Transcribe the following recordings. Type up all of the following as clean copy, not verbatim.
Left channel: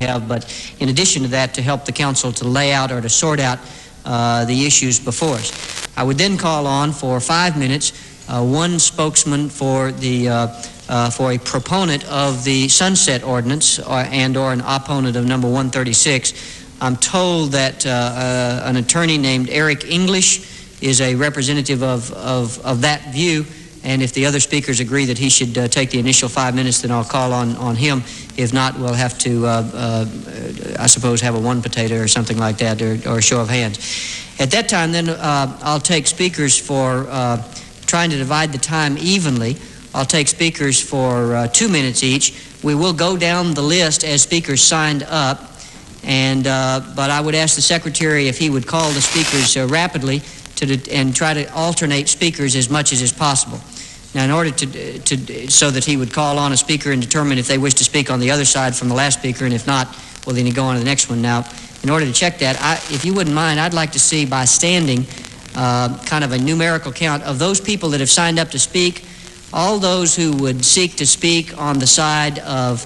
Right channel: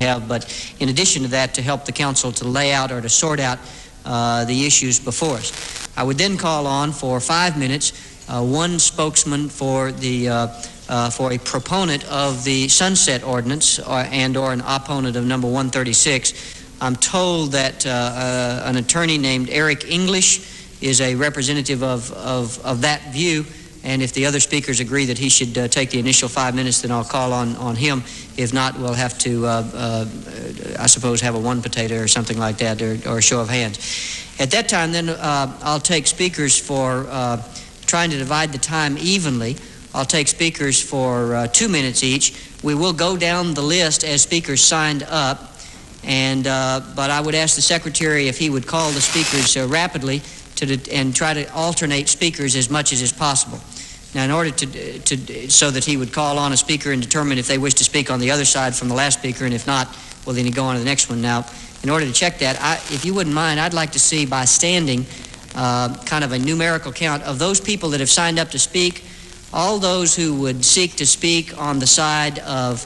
have, but in addition to that, to help the council to lay out or to sort out the issues before us. I would then call on for 5 minutes one spokesman for a proponent of the sunset ordinance or an opponent of number 136. I'm told that an attorney named Eric English is a representative of that view, and if the other speakers agree that he should take the initial 5 minutes, then I'll call on him. If not, we'll have to, I suppose, have a one potato or something like that, or a show of hands. At that time, then, I'll take speakers for trying to divide the time evenly. I'll take speakers for 2 minutes each. We will go down the list as speakers signed up, but I would ask the secretary if he would call the speakers rapidly and try to alternate speakers as much as is possible. Now, in order so that he would call on a speaker and determine if they wish to speak on the other side from the last speaker, and if not, well, then he'd go on to the next one. Now, in order to check that, if you wouldn't mind, I'd like to see by standing kind of a numerical count of those people that have signed up to speak. All those who would seek to speak on the side of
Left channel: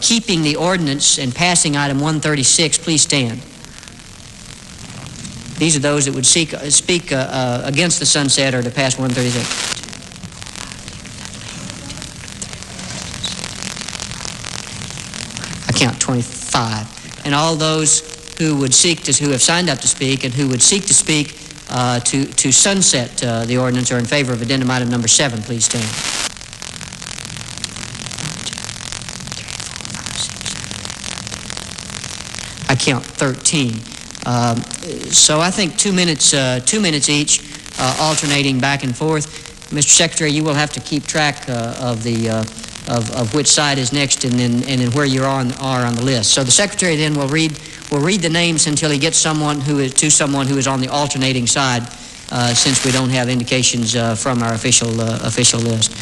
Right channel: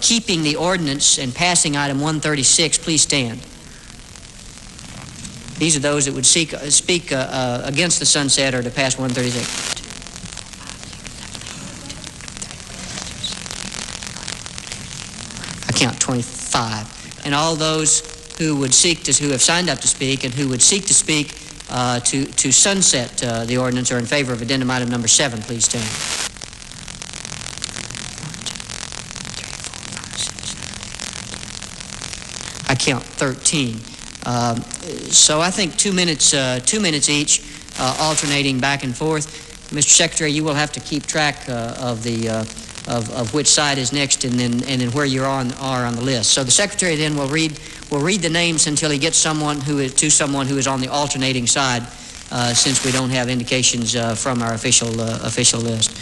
keeping the ordinance and passing item 136, please stand. These are those that would speak against the sunset or to pass 136. I count 25. And all those who would who have signed up to speak and who would seek to speak to sunset the ordinance or in favor of addendum item number 7, please stand. 1, 2, 3, 4, 5, 6, 7, 8. I count 13. So I think 2 minutes each, alternating back and forth. Mr. Secretary, you will have to keep track of which side is next and then where you are on the list. So the Secretary then will read the names until he gets someone who is on the alternating side, since we don't have indications from our official list.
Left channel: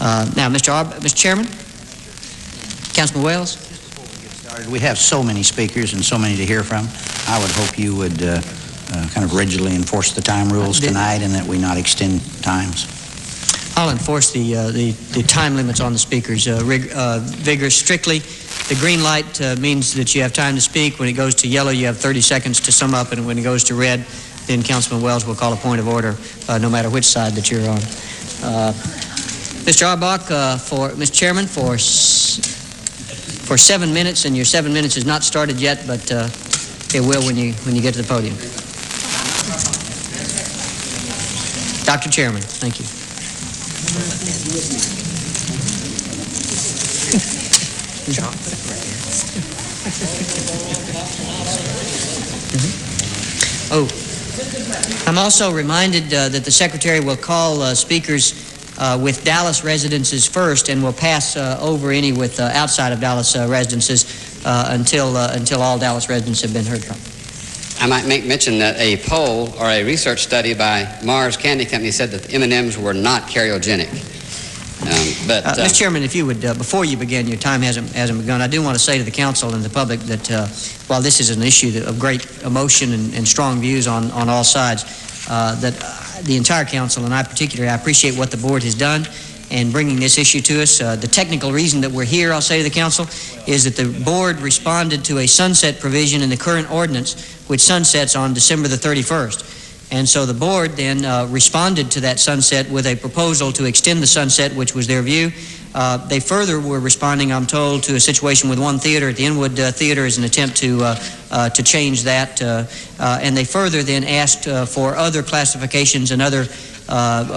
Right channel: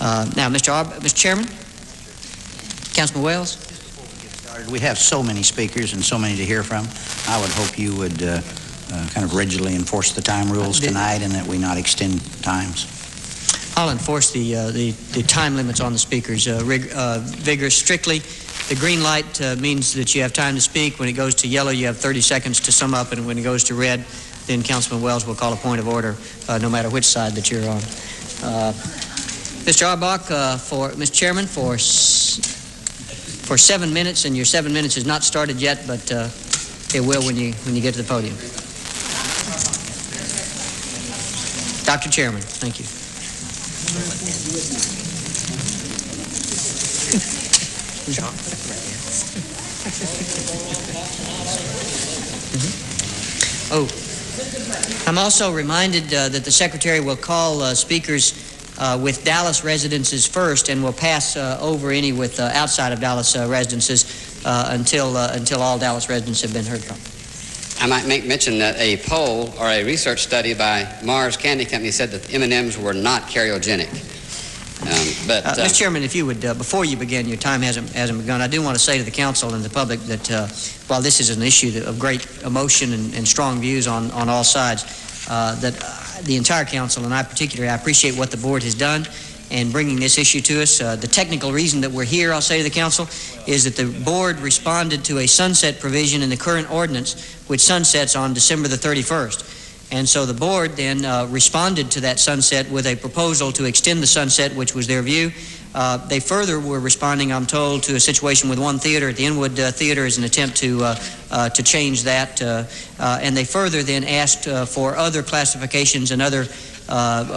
Now, Mr. Chairman, Councilman Wells. Just before we get started, we have so many speakers and so many to hear from. I would hope you would kind of rigidly enforce the time rules tonight, and that we not extend times. I'll enforce the time limits on the speakers vigorous, strictly. The green light means that you have time to speak. When it goes to yellow, you have 30 seconds to sum up, and when it goes to red, then Councilman Wells will call a point of order, no matter which side that you're on. Mr. Auerbach, Mr. Chairman, for 7 minutes, and your 7 minutes is not started yet, but it will when you get to the podium. Dr. Chairman, thank you. Oh, I'm also reminded that the Secretary will call speakers with Dallas residences first, and will pass over any with outside of Dallas residences until all Dallas residents have been heard from. I might mention that a poll or a research study by Mars Candy Company said that M&Ms were not carcinogenic. Mr. Chairman, if you would, before you begin, your time hasn't begun, I do want to say to the council and the public that while this is an issue of great emotion and strong views on all sides, that the entire council, and I particularly, I appreciate what the board has done in bringing this issue to us. The technical reason that we're here, I'll say to the council, is that the board responded to a sunset provision in the current ordinance, which sunsets on December the 31st. And so the board then responded to that sunset with a proposal to extend the sunset, which was their view. They further were responding, I'm told, to a situation with one theater at the Inwood Theater as an attempt to change that. And they further then asked for other classifications and other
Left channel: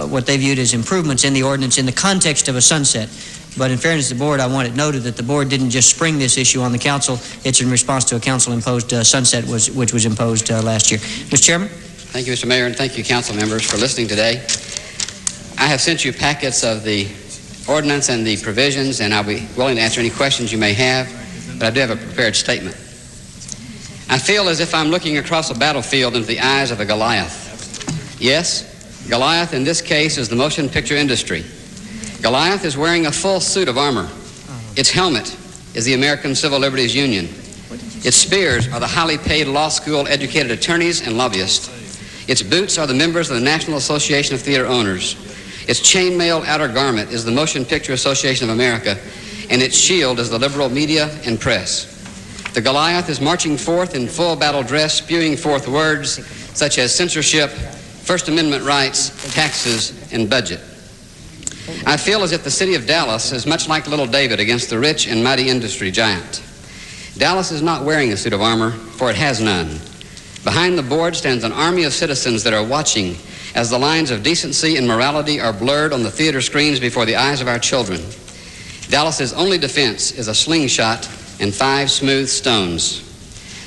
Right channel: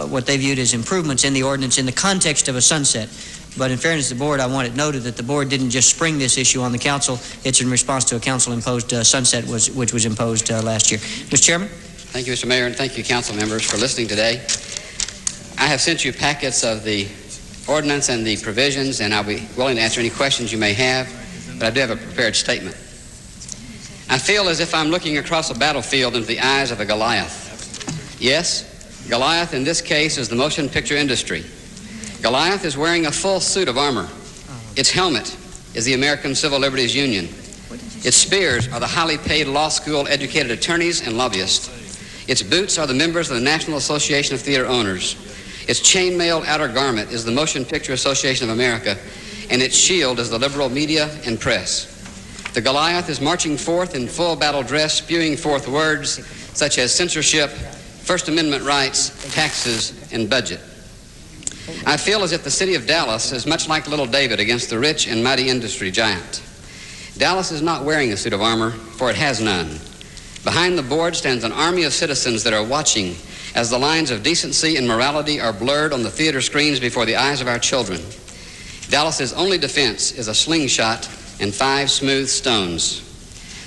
what they viewed as improvements in the ordinance in the context of a sunset. But in fairness to the board, I want it noted that the board didn't just spring this issue on the council. It's in response to a council-imposed sunset which was imposed last year. Mr. Chairman? Thank you, Mr. Mayor, and thank you, council members, for listening today. I have sent you packets of the ordinance and the provisions, and I'll be willing to answer any questions you may have, but I do have a prepared statement. I feel as if I'm looking across a battlefield into the eyes of a Goliath. Yes, Goliath in this case is the motion picture industry. Goliath is wearing a full suit of armor. Its helmet is the American Civil Liberties Union. Its spears are the highly paid law school educated attorneys and lobbyists. Its boots are the members of the National Association of Theater Owners. Its chainmail outer garment is the Motion Picture Association of America, and its shield is the liberal media and press. The Goliath is marching forth in full battle dress, spewing forth words such as censorship, First Amendment rights, taxes, and budget. I feel as if the city of Dallas is much like little David against the rich and mighty industry giant. Dallas is not wearing a suit of armor, for it has none. Behind the board stands an army of citizens that are watching as the lines of decency and morality are blurred on the theater screens before the eyes of our children. Dallas's only defense is a slingshot and 5 smooth stones.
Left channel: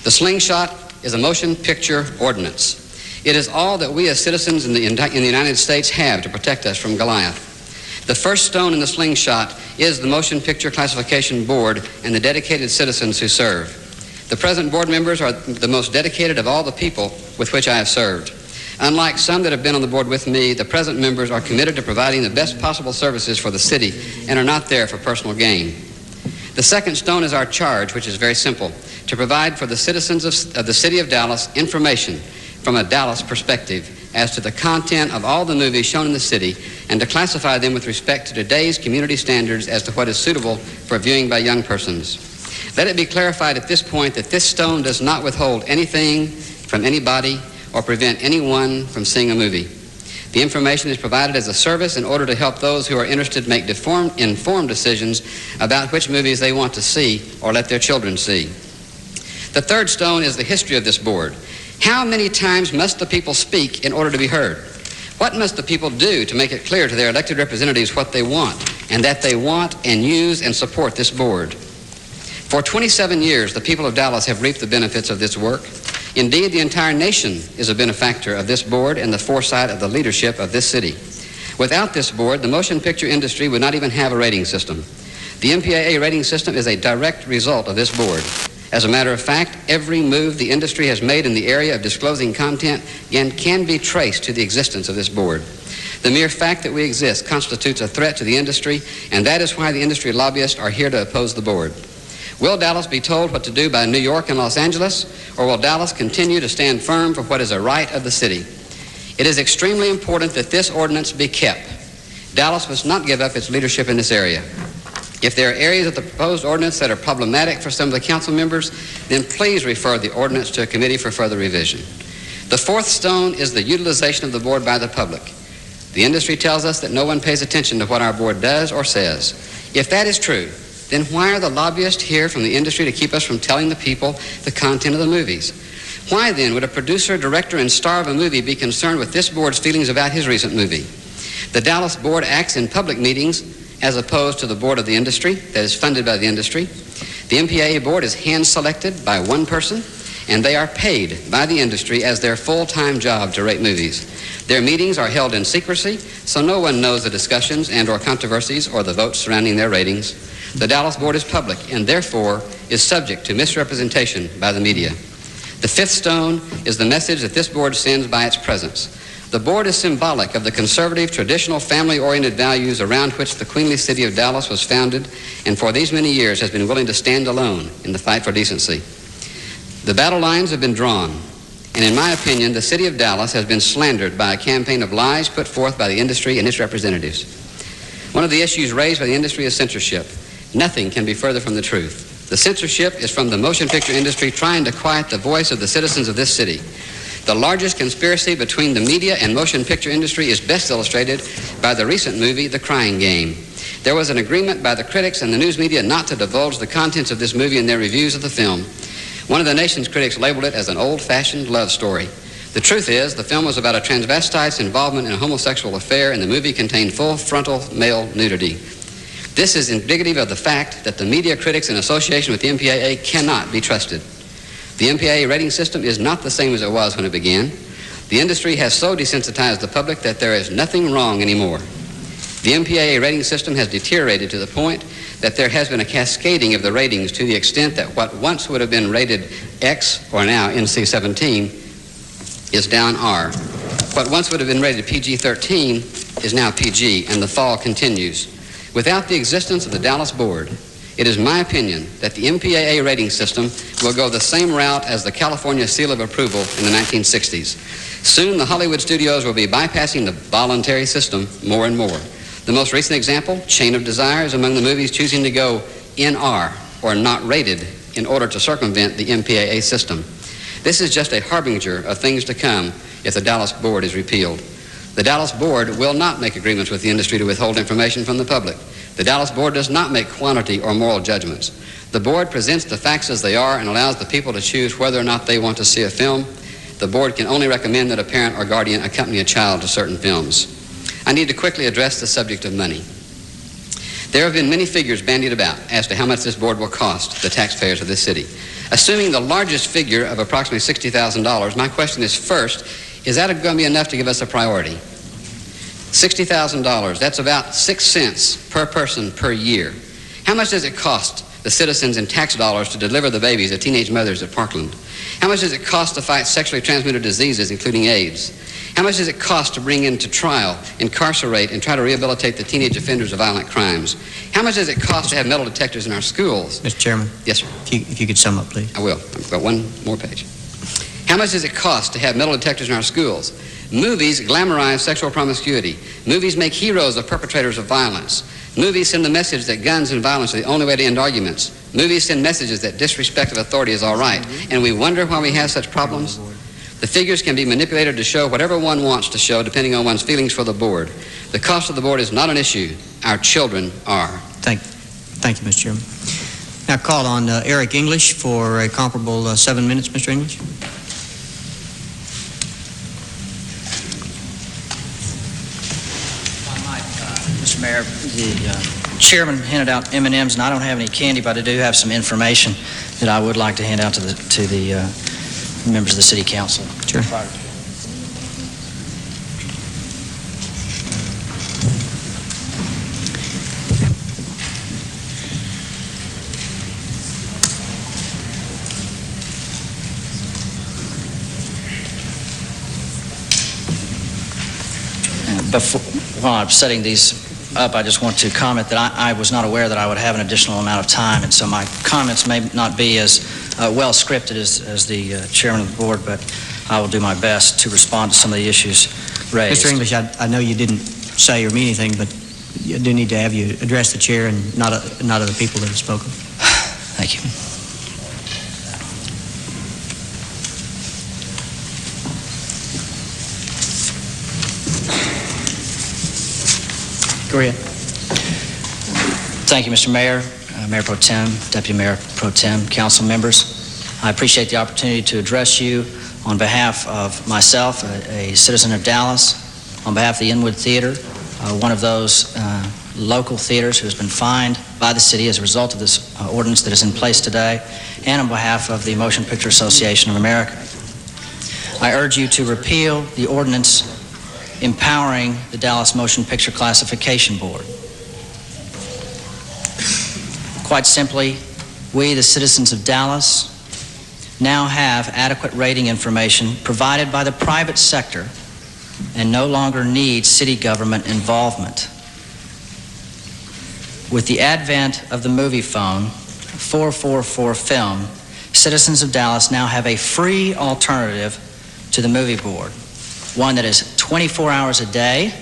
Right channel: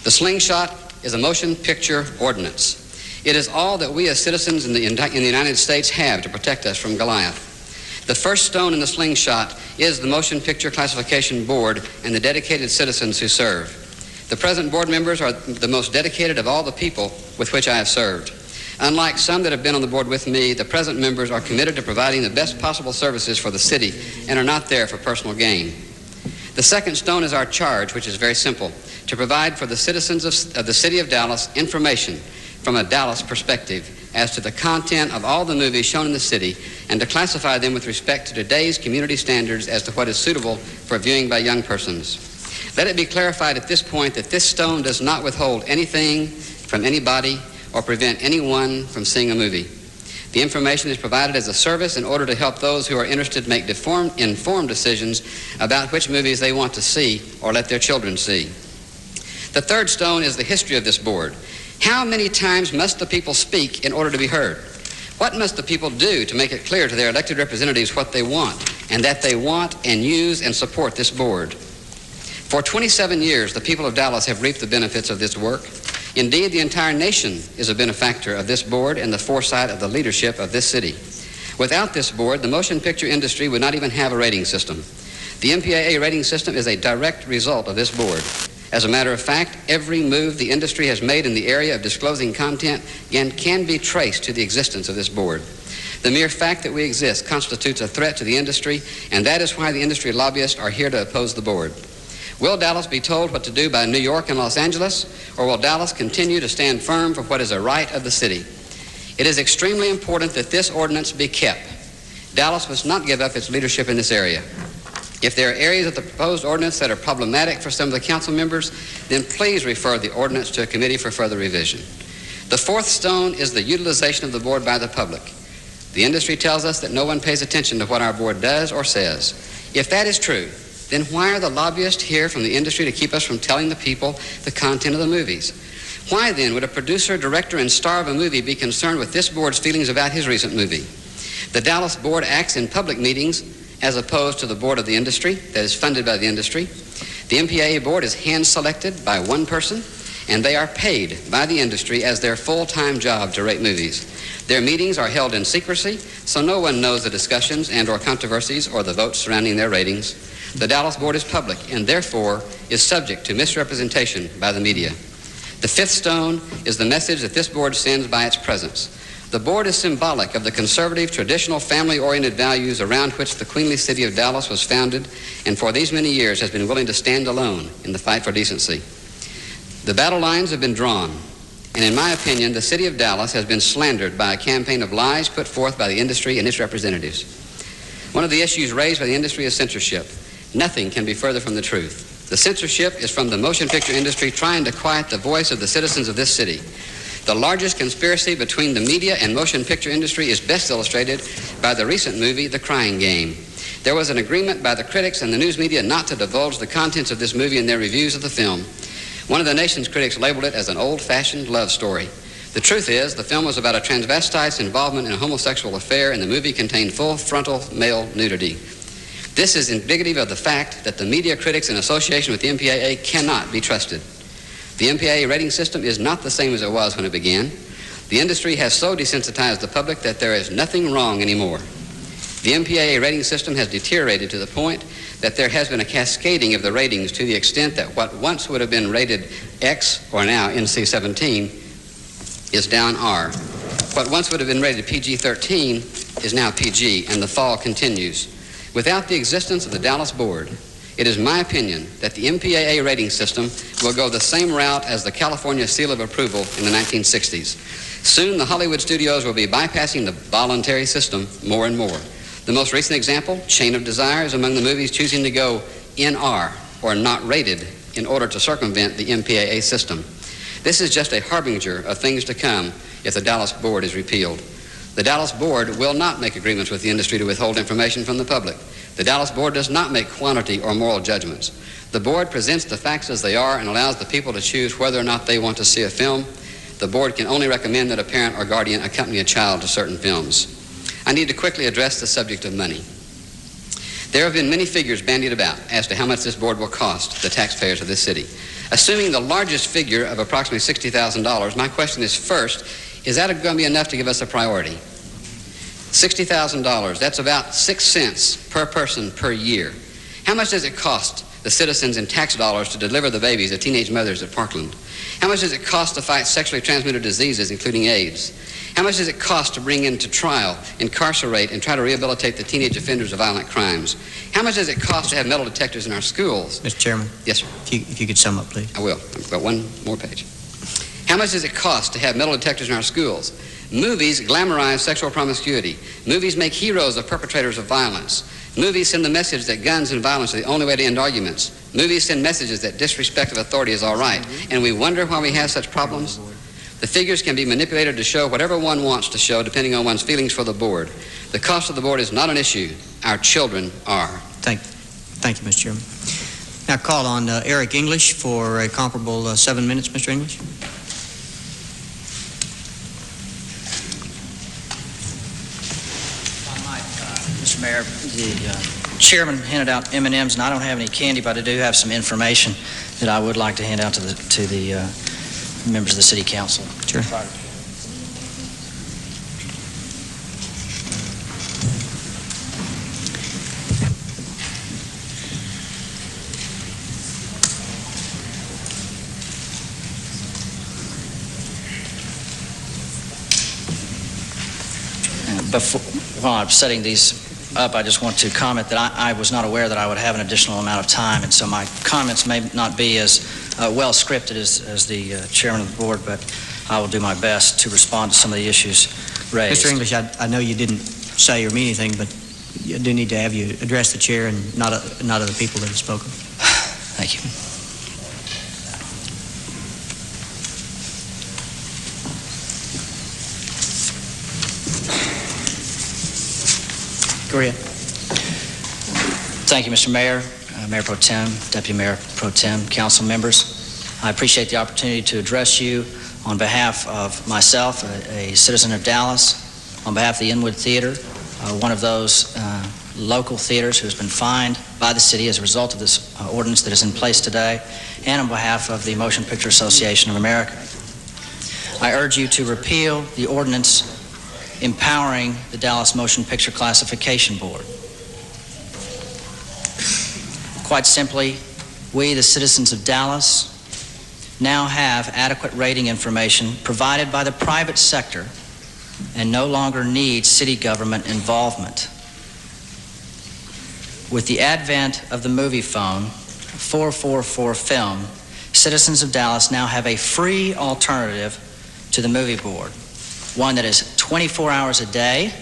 The slingshot is a motion picture ordinance. It is all that we as citizens in the United States have to protect us from Goliath. The first stone in the slingshot is the Motion Picture Classification Board and the dedicated citizens who serve. The present board members are the most dedicated of all the people with which I have served. Unlike some that have been on the board with me, the present members are committed to providing the best possible services for the city and are not there for personal gain. The second stone is our charge, which is very simple, to provide for the citizens of the city of Dallas information from a Dallas perspective as to the content of all the movies shown in the city and to classify them with respect to today's community standards as to what is suitable for viewing by young persons. Let it be clarified at this point that this stone does not withhold anything from anybody or prevent anyone from seeing a movie. The information is provided as a service in order to help those who are interested make informed decisions about which movies they want to see or let their children see. The third stone is the history of this board. How many times must the people speak in order to be heard? What must the people do to make it clear to their elected representatives what they want and that they want and use and support this board? For 27 years, the people of Dallas have reaped the benefits of this work. Indeed, the entire nation is a benefactor of this board and the foresight of the leadership of this city. Without this board, the motion picture industry would not even have a rating system. The MPAA rating system is a direct result of this board. As a matter of fact, every move the industry has made in the area of disclosing content can be traced to the existence of this board. The mere fact that we exist constitutes a threat to the industry, and that is why the industry lobbyists are here to oppose the board. Will Dallas be told what to do by New York and Los Angeles, or will Dallas continue to stand firm for what is a right of the city? It is extremely important that this ordinance be kept. Dallas must not give up its leadership in this area. If there are areas of the proposed ordinance that are problematic for some of the council members, then please refer the ordinance to a committee for further revision. The fourth stone is the utilization of the board by the public. The industry tells us that no one pays attention to what our board does or says. If that is true, then why are the lobbyists here from the industry to keep us from telling the people the content of the movies? Why then would a producer, director, and star of a movie be concerned with this board's feelings about his recent movie? The Dallas board acts in public meetings as opposed to the board of the industry that is funded by the industry. The MPAA board is hand-selected by one person, and they are paid by the industry as their full-time job to rate movies. Their meetings are held in secrecy, so no one knows the discussions and/or controversies or the votes surrounding their ratings. The Dallas board is public and therefore is subject to misrepresentation by the media. The fifth stone is the message that this board sends by its presence. The board is symbolic of the conservative, traditional, family-oriented values around which the queenly city of Dallas was founded and for these many years has been willing to stand alone in the fight for decency. The battle lines have been drawn, and in my opinion, the city of Dallas has been slandered by a campaign of lies put forth by the industry and its representatives. One of the issues raised by the industry is censorship. Nothing can be further from the truth. The censorship is from the motion picture industry trying to quiet the voice of the citizens of this city. The largest conspiracy between the media and motion picture industry is best illustrated by the recent movie, The Crying Game. There was an agreement by the critics and the news media not to divulge the contents of this movie in their reviews of the film. One of the nation's critics labeled it as an old-fashioned love story. The truth is, the film was about a transvestite's involvement in a homosexual affair, and the movie contained full frontal male nudity. This is indicative of the fact that the media critics in association with the MPAA cannot be trusted. The MPAA rating system is not the same as it was when it began. The industry has so desensitized the public that there is nothing wrong anymore. The MPAA rating system has deteriorated to the point that there has been a cascading of the ratings to the extent that what once would have been rated X, or now NC-17, is down R. What once would have been rated PG-13 is now PG, and the fall continues. Without the existence of the Dallas board, it is my opinion that the MPAA rating system will go the same route as the California seal of approval in the 1960s. Soon, the Hollywood studios will be bypassing the voluntary system more and more. The most recent example, Chain of Desire, is among the movies choosing to go NR. or not rated in order to circumvent the MPAA system. This is just a harbinger of things to come if the Dallas Board is repealed. The Dallas Board will not make agreements with the industry to withhold information from the public. The Dallas Board does not make quantity or moral judgments. The Board presents the facts as they are and allows the people to choose whether or not they want to see a film. The Board can only recommend that a parent or guardian accompany a child to certain films. I need to quickly address the subject of money. There have been many figures bandied about as to how much this board will cost the taxpayers of this city. Assuming the largest figure of approximately $60,000, my question is, first, is that going to be enough to give us a priority? $60,000, that's about 6 cents per person per year. How much does it cost the citizens in tax dollars to deliver the babies of teenage mothers at Parkland? How much does it cost to fight sexually transmitted diseases, including AIDS? How much does it cost to bring into trial, incarcerate, and try to rehabilitate the teenage offenders of violent crimes? How much does it cost to have metal detectors in our schools? Mr. Chairman? Yes, sir. If you could sum up, please. I will. I've got one more page. How much does it cost to have metal detectors in our schools? Movies glamorize sexual promiscuity. Movies make heroes of perpetrators of violence. Movies send the message that guns and violence are the only way to end arguments. Movies send messages that disrespect of authority is all right. And we wonder why we have such problems. The figures can be manipulated to show whatever one wants to show, depending on one's feelings for the board. The cost of the board is not an issue. Our children are. Thank you, Mr. Chairman. Now call on Eric English for a comparable 7 minutes, Mr. English. Mr. Mayor, the chairman handed out M&Ms, and I don't have any candy, but I do have some information that I would like to hand out to the members of the City Council. Sure. While I'm setting these up, I just want to comment that I was not aware that I would have an additional amount of time, and so my comments may not be as well scripted as the chairman of the board, but I will do my best to respond to some of the issues raised. Mr. English, I know you didn't say or mean anything, but I do need to have you address the chair and not other people that have spoken. Thank you. Go ahead. Thank you, Mr. Mayor, Mayor Pro Tem, Deputy Mayor Pro Tem, council members. I appreciate the opportunity to address you on behalf of myself, a citizen of Dallas, on behalf of the Inwood Theater, one of those local theaters who has been fined by the city as a result of this ordinance that is in place today, and on behalf of the Motion Picture Association of America. I urge you to repeal the ordinance empowering the Dallas Motion Picture Classification Board. Quite simply, we, the citizens of Dallas, now have adequate rating information provided by the private sector and no longer need city government involvement. With the advent of the movie phone, 444 film, citizens of Dallas now have a free alternative to the movie board, one that is 24 hours a day,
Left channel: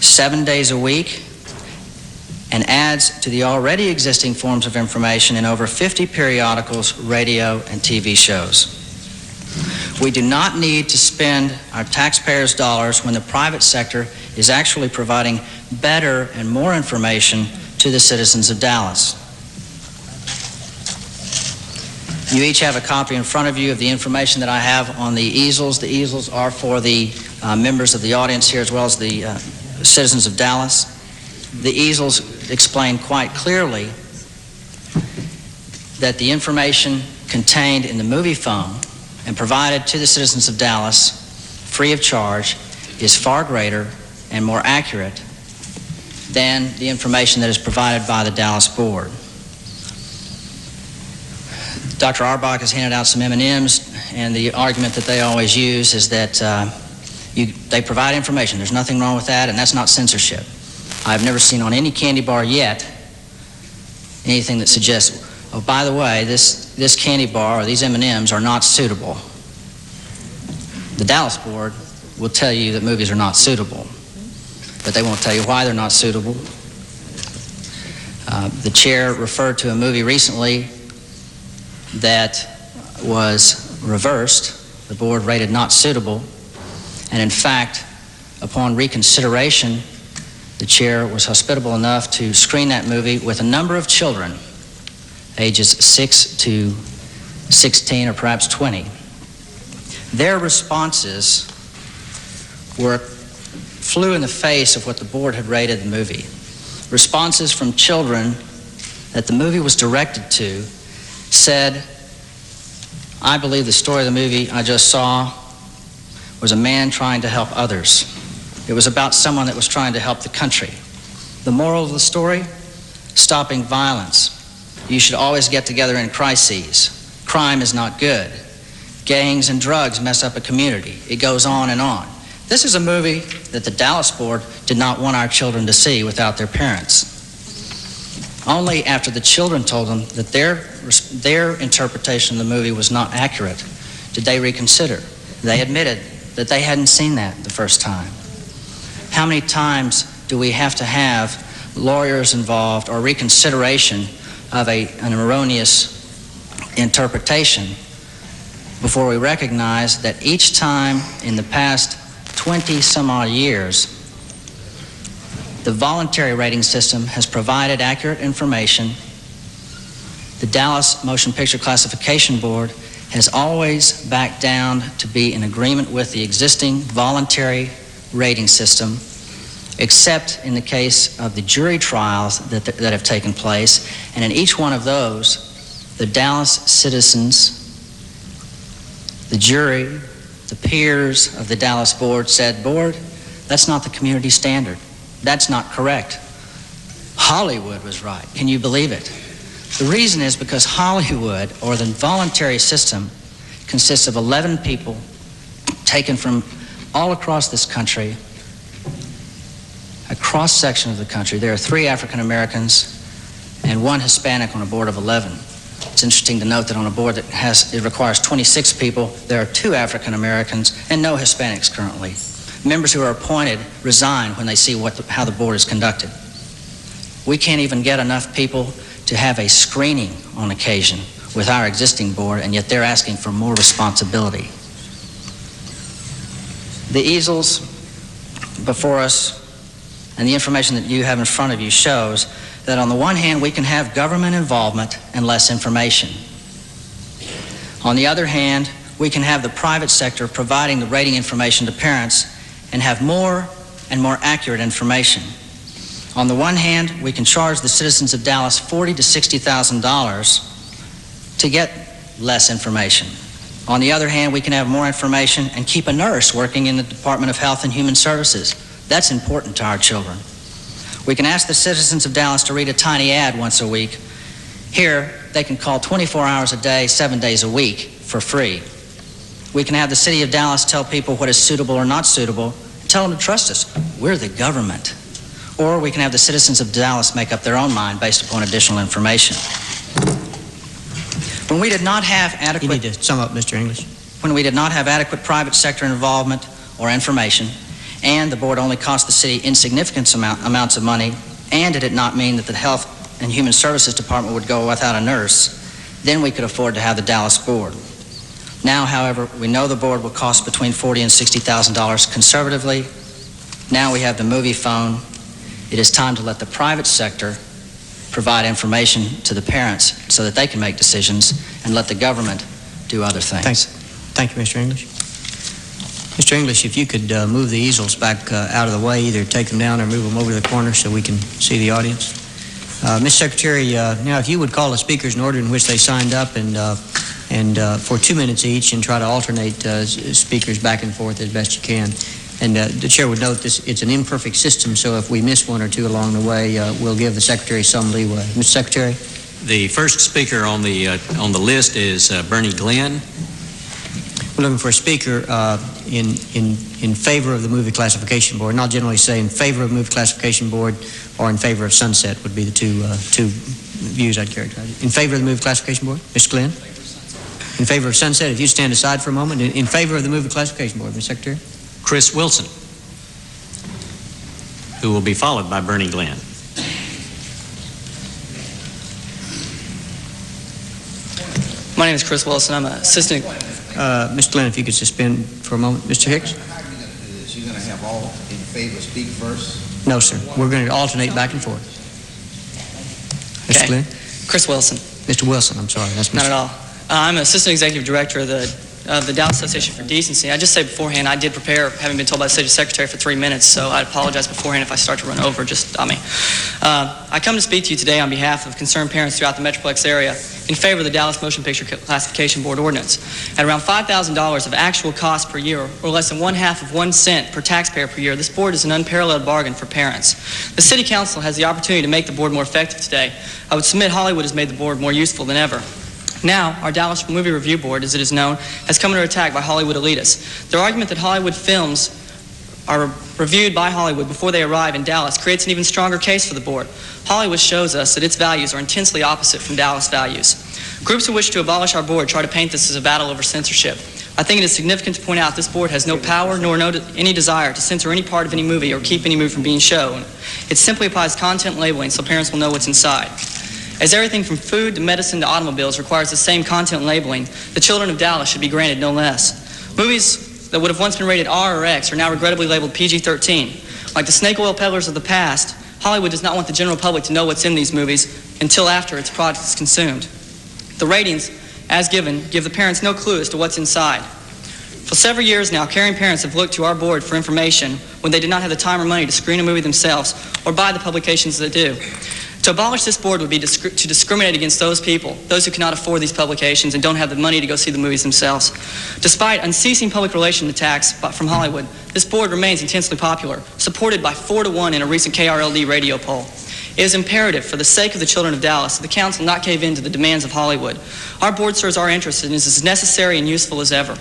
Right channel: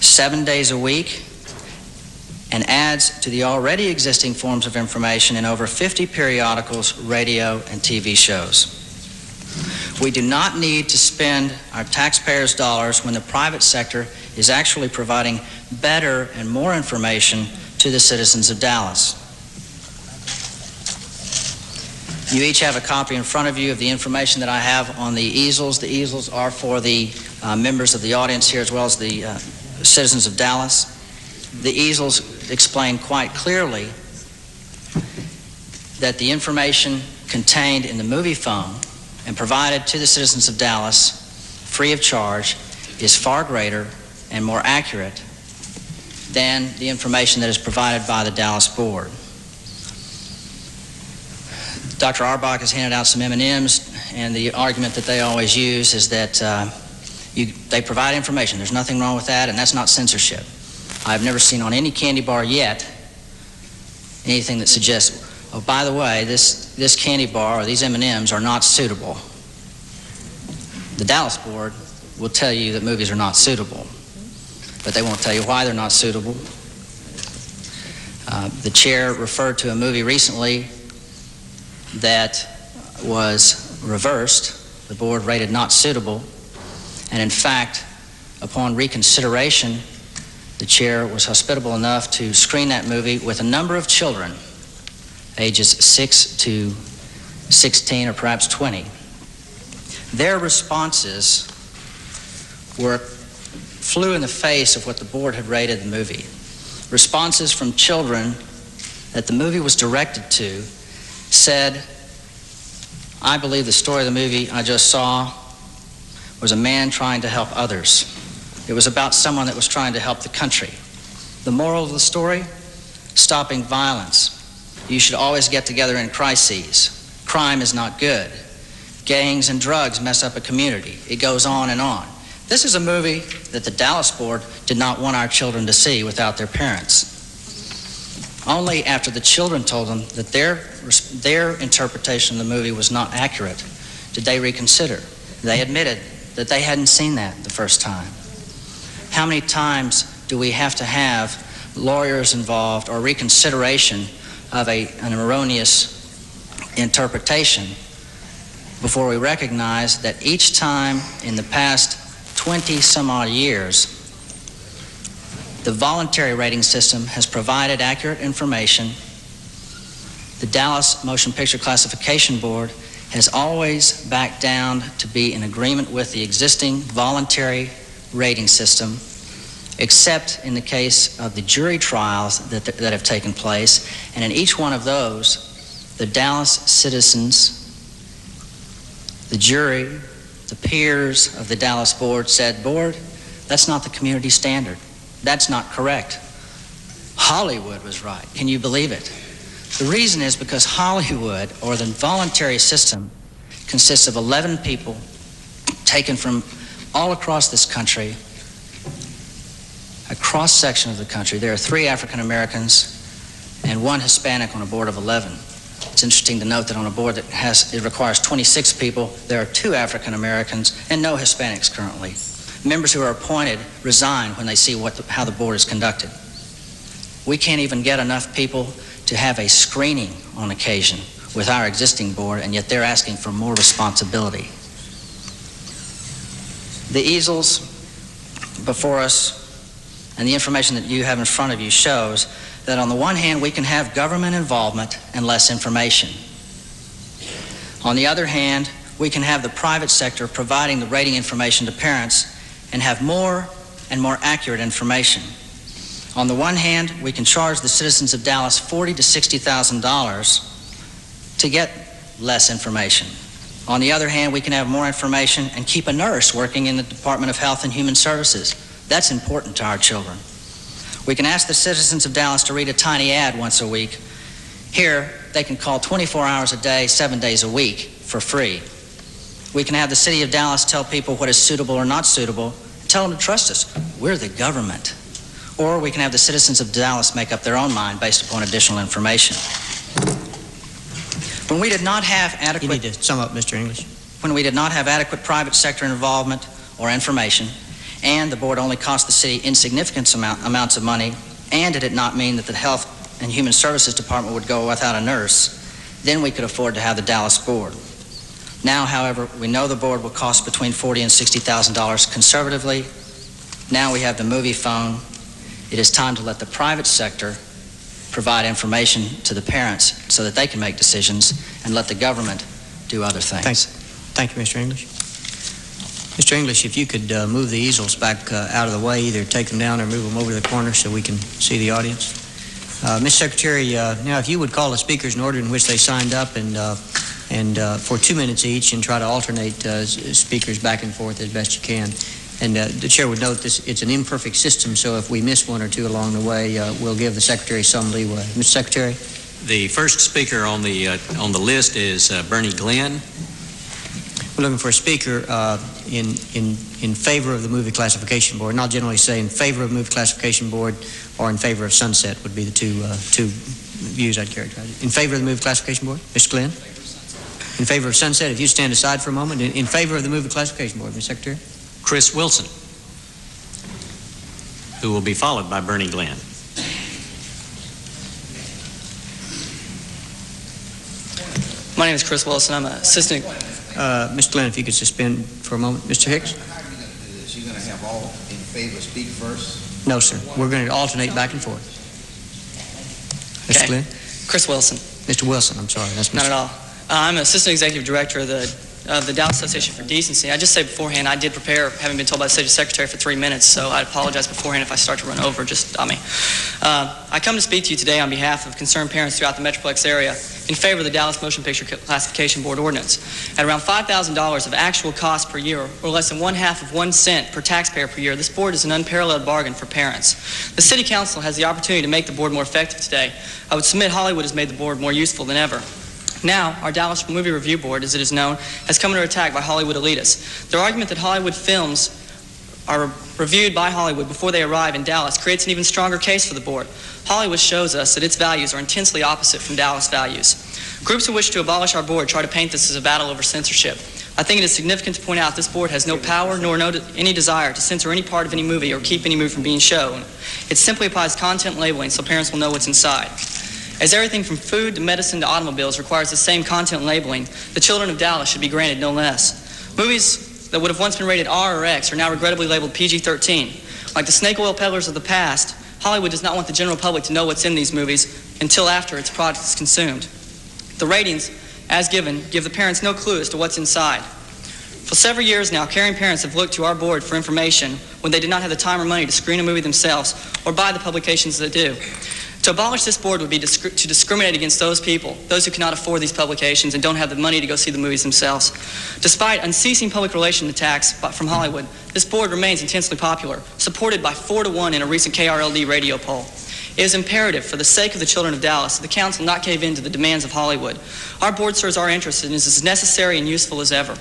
7 days a week, and adds to the already existing forms of information in over 50 periodicals, radio, and TV shows. We do not need to spend our taxpayers' dollars when the private sector is actually providing better and more information to the citizens of Dallas. You each have a copy in front of you of the information that I have on the easels. The easels are for the members of the audience here as well as the citizens of Dallas. The easels explain quite clearly that the information contained in the movie phone and provided to the citizens of Dallas free of charge is far greater and more accurate than the information that is provided by the Dallas Board. Dr. Aurbach has handed out some M&Ms, and the argument that they always use is that they provide information. There's nothing wrong with that, and that's not censorship. I've never seen on any candy bar yet anything that suggests, oh, by the way, this candy bar or these M&Ms are not suitable. The Dallas Board will tell you that movies are not suitable, but they won't tell you why they're not suitable. The chair referred to a movie recently that was reversed. The board rated not suitable. And in fact, upon reconsideration, the chair was hospitable enough to screen that movie with a number of children, ages 6 to 16 or perhaps 20. Their responses flew in the face of what the board had rated the movie. Responses from children that the movie was directed to said, "I believe the story of the movie I just saw was a man trying to help others. It was about someone that was trying to help the country. The moral of the story? Stopping violence. You should always get together in crises. Crime is not good. Gangs and drugs mess up a community." It goes on and on. This is a movie that the Dallas board did not want our children to see without their parents. Only after the children told them that their interpretation of the movie was not accurate did they reconsider. They admitted that they hadn't seen that the first time. How many times do we have to have lawyers involved or reconsideration of an erroneous interpretation before we recognize that each time in the past 20 some odd years, the voluntary rating system has provided accurate information. The Dallas Motion Picture Classification Board has always backed down to be in agreement with the existing voluntary rating system, except in the case of the jury trials that have taken place. And in each one of those, the Dallas citizens, the jury, the peers of the Dallas board said, "Board, that's not the community standard. That's not correct. Hollywood was right. Can you believe it?" The reason is because Hollywood, or the voluntary system, consists of 11 people taken from all across this country, a cross-section of the country. There are 3 African Americans and 1 Hispanic on a board of 11. It's interesting to note that on a board that it requires 26 people, there are 2 African Americans and no Hispanics currently. Members who are appointed resign when they see how the board is conducted. We can't even get enough people to have a screening on occasion with our existing board, and yet they're asking for more responsibility. The easels before us and the information that you have in front of you shows that on the one hand, we can have government involvement and less information. On the other hand, we can have the private sector providing the rating information to parents and have more and more accurate information. On the one hand, we can charge the citizens of Dallas $40,000 to $60,000 to get less information. On the other hand, we can have more information and keep a nurse working in the Department of Health and Human Services. That's important to our children. We can ask the citizens of Dallas to read a tiny ad once a week. Here, they can call 24 hours a day, 7 days a week for free. We can have the city of Dallas tell people what is suitable or not suitable, and tell them to trust us. We're the government. Or we can have the citizens of Dallas make up their own mind based upon additional information. When we did not have adequate... You need to sum up, Mr. English. When we did not have adequate private sector involvement or information, and the board only cost the city insignificant amounts of money, and it did not mean that the Health and Human Services Department would go without a nurse, then we could afford to have the Dallas board. Now, however, we know the board will cost between $40,000 and $60,000 conservatively. Now we have the movie phone. It is time to let the private sector provide information to the parents so that they can make decisions, and let the government do other things. Thanks. Thank you, Mr. English. Mr. English, if you could move the easels back out of the way, either take them down or move them over to the corner so we can see the audience. Mr. Secretary, now if you would call the speakers in order in which they signed up, and for 2 minutes each, and try to alternate speakers back and forth as best you can. And the chair would note it's an imperfect system, so if we miss 1 or 2 along the way, we'll give the secretary some leeway. Mr. Secretary? The first speaker on the list is Bernie Glenn. We're looking for a speaker in favor of the movie classification board, and I'll generally say in favor of movie classification board or in favor of sunset would be the two views I'd characterize it. In favor of the movie classification board, Mr. Glenn? In favor of sunset, if you stand aside for a moment. In favor of the movie classification board, Mr. Secretary? Chris Wilson, who will be followed by Bernie Glenn. My name is Chris Wilson. I'm an assistant. Mr. Glenn, if you could suspend for a moment. Mr. Hicks? You're going to have all in favor speak first? No, sir. We're going to alternate back and forth. Mr. Okay. Glenn? Chris Wilson. Mr. Wilson, I'm sorry. That's Not Mr. at all. I'm an assistant executive director of the Dallas Association for Decency. I just say beforehand, I did prepare, having been told by the city secretary, for 3 minutes, so I apologize beforehand if I start to run over. Just stop me. I come to speak to you today on behalf of concerned parents throughout the Metroplex area in favor of the Dallas Motion Picture Classification Board ordinance. At around $5,000 of actual cost per year, or less than 1/2 of 1 cent per taxpayer per year, this board is an unparalleled bargain for parents. The City Council has the opportunity to make the board more effective today. I would submit Hollywood has made the board more useful than ever. Now, our Dallas Movie Review Board, as it is known, has come under attack by Hollywood elitists. Their argument that Hollywood films are reviewed by Hollywood before they arrive in Dallas creates an even stronger case for the board. Hollywood shows us that its values are intensely opposite from Dallas values. Groups who wish to abolish our board try to paint this as a battle over censorship. I think it is significant to point out this board has no power nor any desire to censor any part of any movie or keep any movie from being shown. It simply applies content labeling so parents will know what's inside. As everything from food to medicine to automobiles requires the same content labeling, the children of Dallas should be granted no less. Movies that would have once been rated R or X are now regrettably labeled PG-13. Like the snake oil peddlers of the past, Hollywood does not want the general public to know what's in these movies until after its product is consumed. The ratings, as given, give the parents no clue as to what's inside. For several years now, caring parents have looked to our board for information when they did not have the time or money to screen a movie themselves or buy the publications that do. To abolish this board would be to discriminate against those people, those who cannot afford these publications and don't have the money to go see the movies themselves. Despite unceasing public relations attacks from Hollywood, this board remains intensely popular, supported by 4-1 in a recent KRLD radio poll. It is imperative, for the sake of the children of Dallas, that the council not cave in to the demands of Hollywood. Our board serves our interests and is as necessary and useful as ever.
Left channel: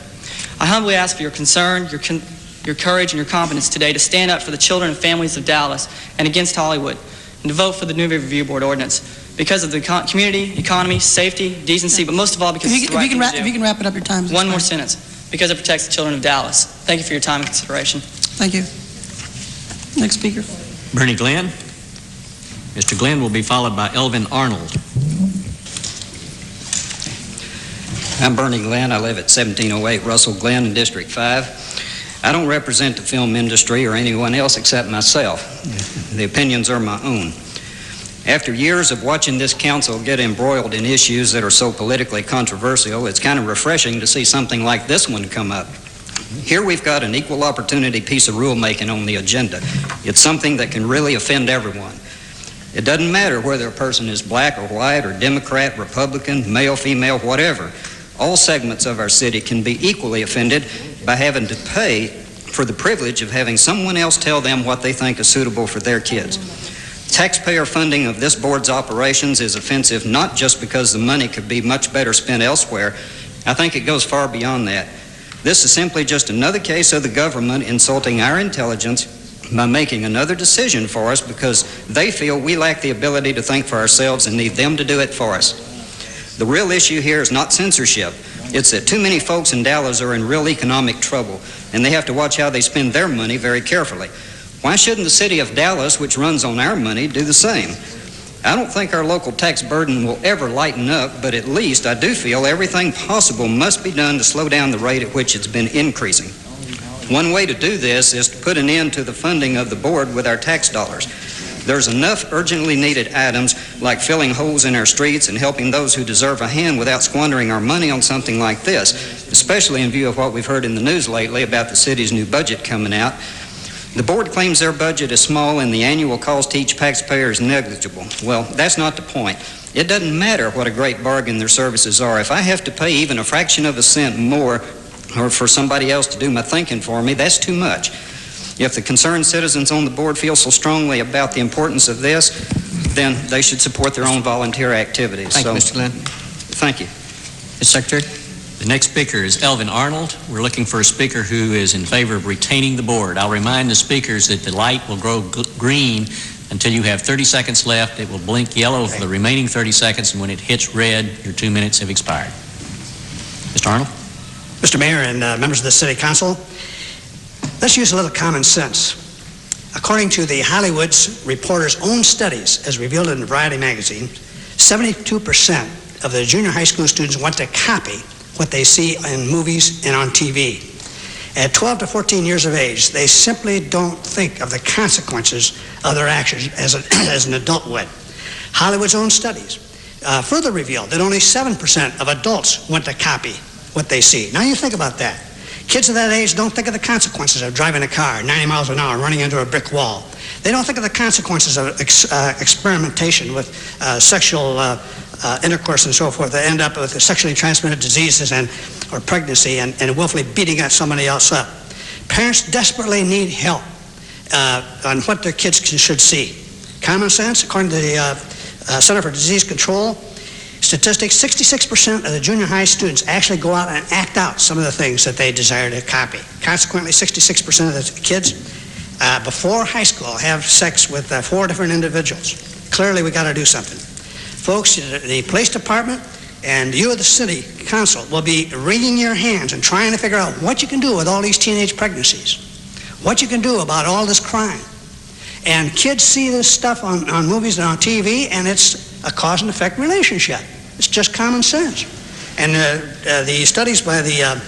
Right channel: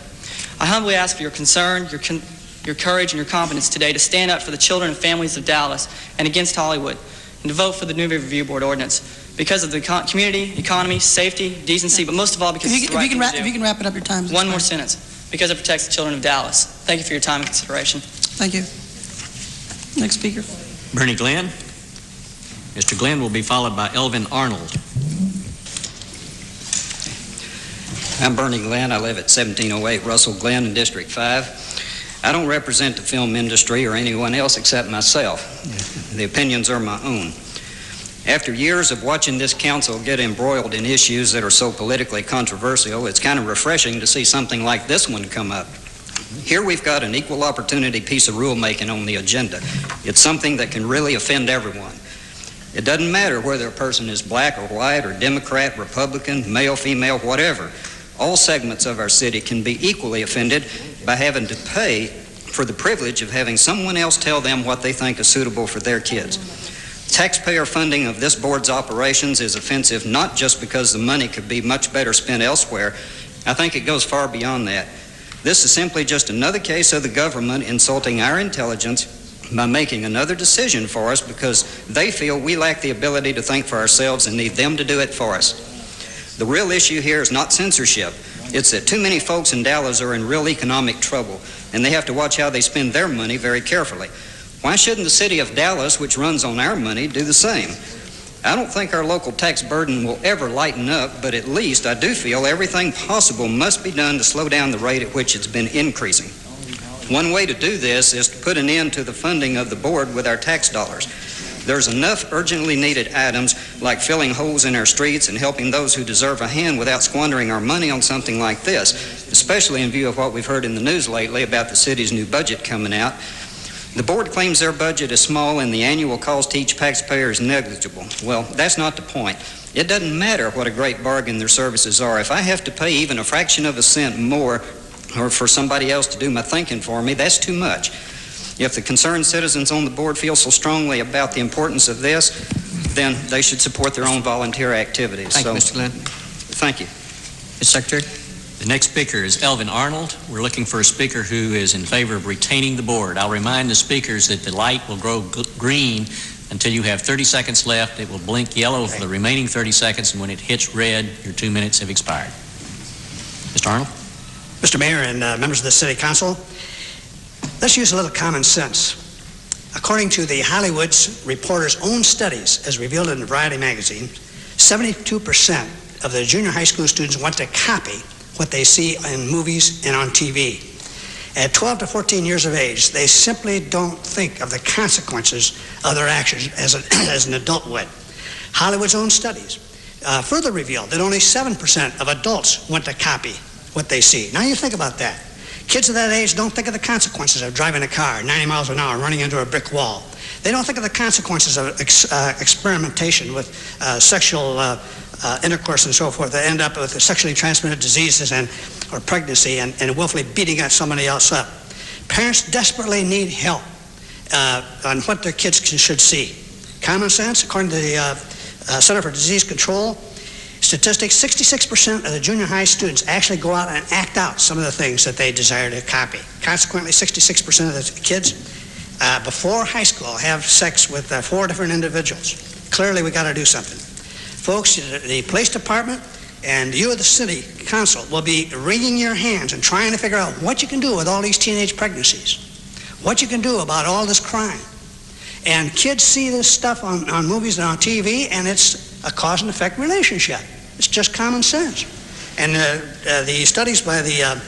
I humbly ask for your concern, your courage, and your confidence today to stand up for the children and families of Dallas and against Hollywood, and to vote for the Movie Review Board ordinance because of the community, economy, safety, decency, but most of all because it's the right thing to do. If you can wrap it up, your time. One more sentence. Because it protects the children of Dallas. Thank you for your time and consideration. Thank you. Next speaker. Bernie Glenn. Mr. Glenn will be followed by Elvin Arnold. I'm Bernie Glenn. I live at 1708 Russell Glen in District 5. I don't represent the film industry or anyone else except myself. The opinions are my own. After years of watching this council get embroiled in issues that are so politically controversial, it's kind of refreshing to see something like this one come up. Here we've got an equal opportunity piece of rulemaking on the agenda. It's something that can really offend everyone. It doesn't matter whether a person is black or white or Democrat, Republican, male, female, whatever. All segments of our city can be equally offended by having to pay for the privilege of having someone else tell them what they think is suitable for their kids. Taxpayer funding of this board's operations is offensive not just because the money could be much better spent elsewhere. I think it goes far beyond that. This is simply just another case of the government insulting our intelligence by making another decision for us because they feel we lack the ability to think for ourselves and need them to do it for us. The real issue here is not censorship. It's that too many folks in Dallas are in real economic trouble, and they have to watch how they spend their money very carefully. Why shouldn't the city of Dallas, which runs on our money, do the same? I don't think our local tax burden will ever lighten up, but at least I do feel everything possible must be done to slow down the rate at which it's been increasing. One way to do this is to put an end to the funding of the board with our tax dollars. There's enough urgently needed items like filling holes in our streets and helping those who deserve a hand without squandering our money on something like this, especially in view of what we've heard in the news lately about the city's new budget coming out. The board claims their budget is small and the annual cost to each taxpayer is negligible. Well, that's not the point. It doesn't matter what a great bargain their services are. If I have to pay even a fraction of a cent more or for somebody else to do my thinking for me, that's too much. If the concerned citizens on the board feel so strongly about the importance of this, then they should support their own volunteer activities. Thank you, Mr. Glenn. Thank you. Mr. Secretary. The next speaker is Elvin Arnold. We're looking for a speaker who is in favor of retaining the board. I'll remind the speakers that the light will grow green until you have 30 seconds left. It will blink yellow for the remaining 30 seconds, and when it hits red, your 2 minutes have expired. Mr. Arnold. Mr. Mayor and members of the City Council, let's use a little common sense. According to the Hollywood's reporters' own studies, as revealed in Variety magazine, 72% of the junior high school students want to copy what they see in movies and on TV. At 12 to 14 years of age, they simply don't think of the consequences of their actions as an adult would. Hollywood's own studies further revealed that only 7% of adults want to copy what they see. Now you think about that. Kids of that age don't think of the consequences of driving a car 90 miles an hour and running into a brick wall. They don't think of the consequences of experimentation with sexual intercourse and so forth that end up with sexually transmitted diseases or pregnancy and willfully beating somebody else up. Parents desperately need help on what their kids should see. Common sense, according to the Center for Disease Control, statistics, 66% of the junior high students actually go out and act out some of the things that they desire to copy. Consequently, 66% of the kids before high school have sex with 4 different individuals. Clearly, we got to do something. Folks, the police department and you of the city council will be wringing your hands and trying to figure out what you can do with all these teenage pregnancies, what you can do about all this crime. And kids see this stuff on movies and on TV, and it's a cause and effect relationship. It's just common sense. And the studies by the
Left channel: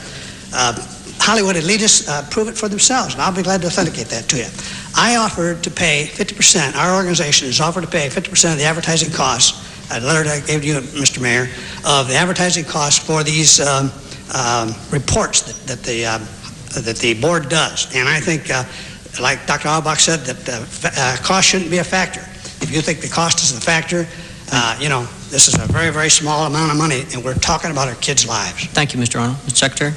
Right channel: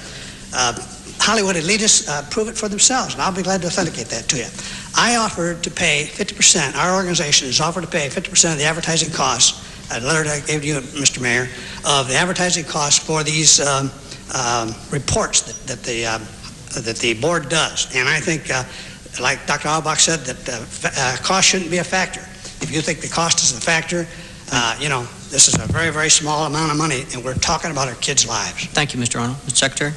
Hollywood elitists prove it for themselves, and I'll be glad to authenticate that to you. I offered to pay 50%, our organization has offered to pay 50% of the advertising costs, a letter that I gave to you, Mr. Mayor, of the advertising costs for these reports that the board does. And I think, like Dr. Auerbach said, that cost shouldn't be a factor. If you think the cost is a factor, this is a very, very small amount of money, and we're talking about our kids' lives. Thank you, Mr. Arnold. Mr. Secretary?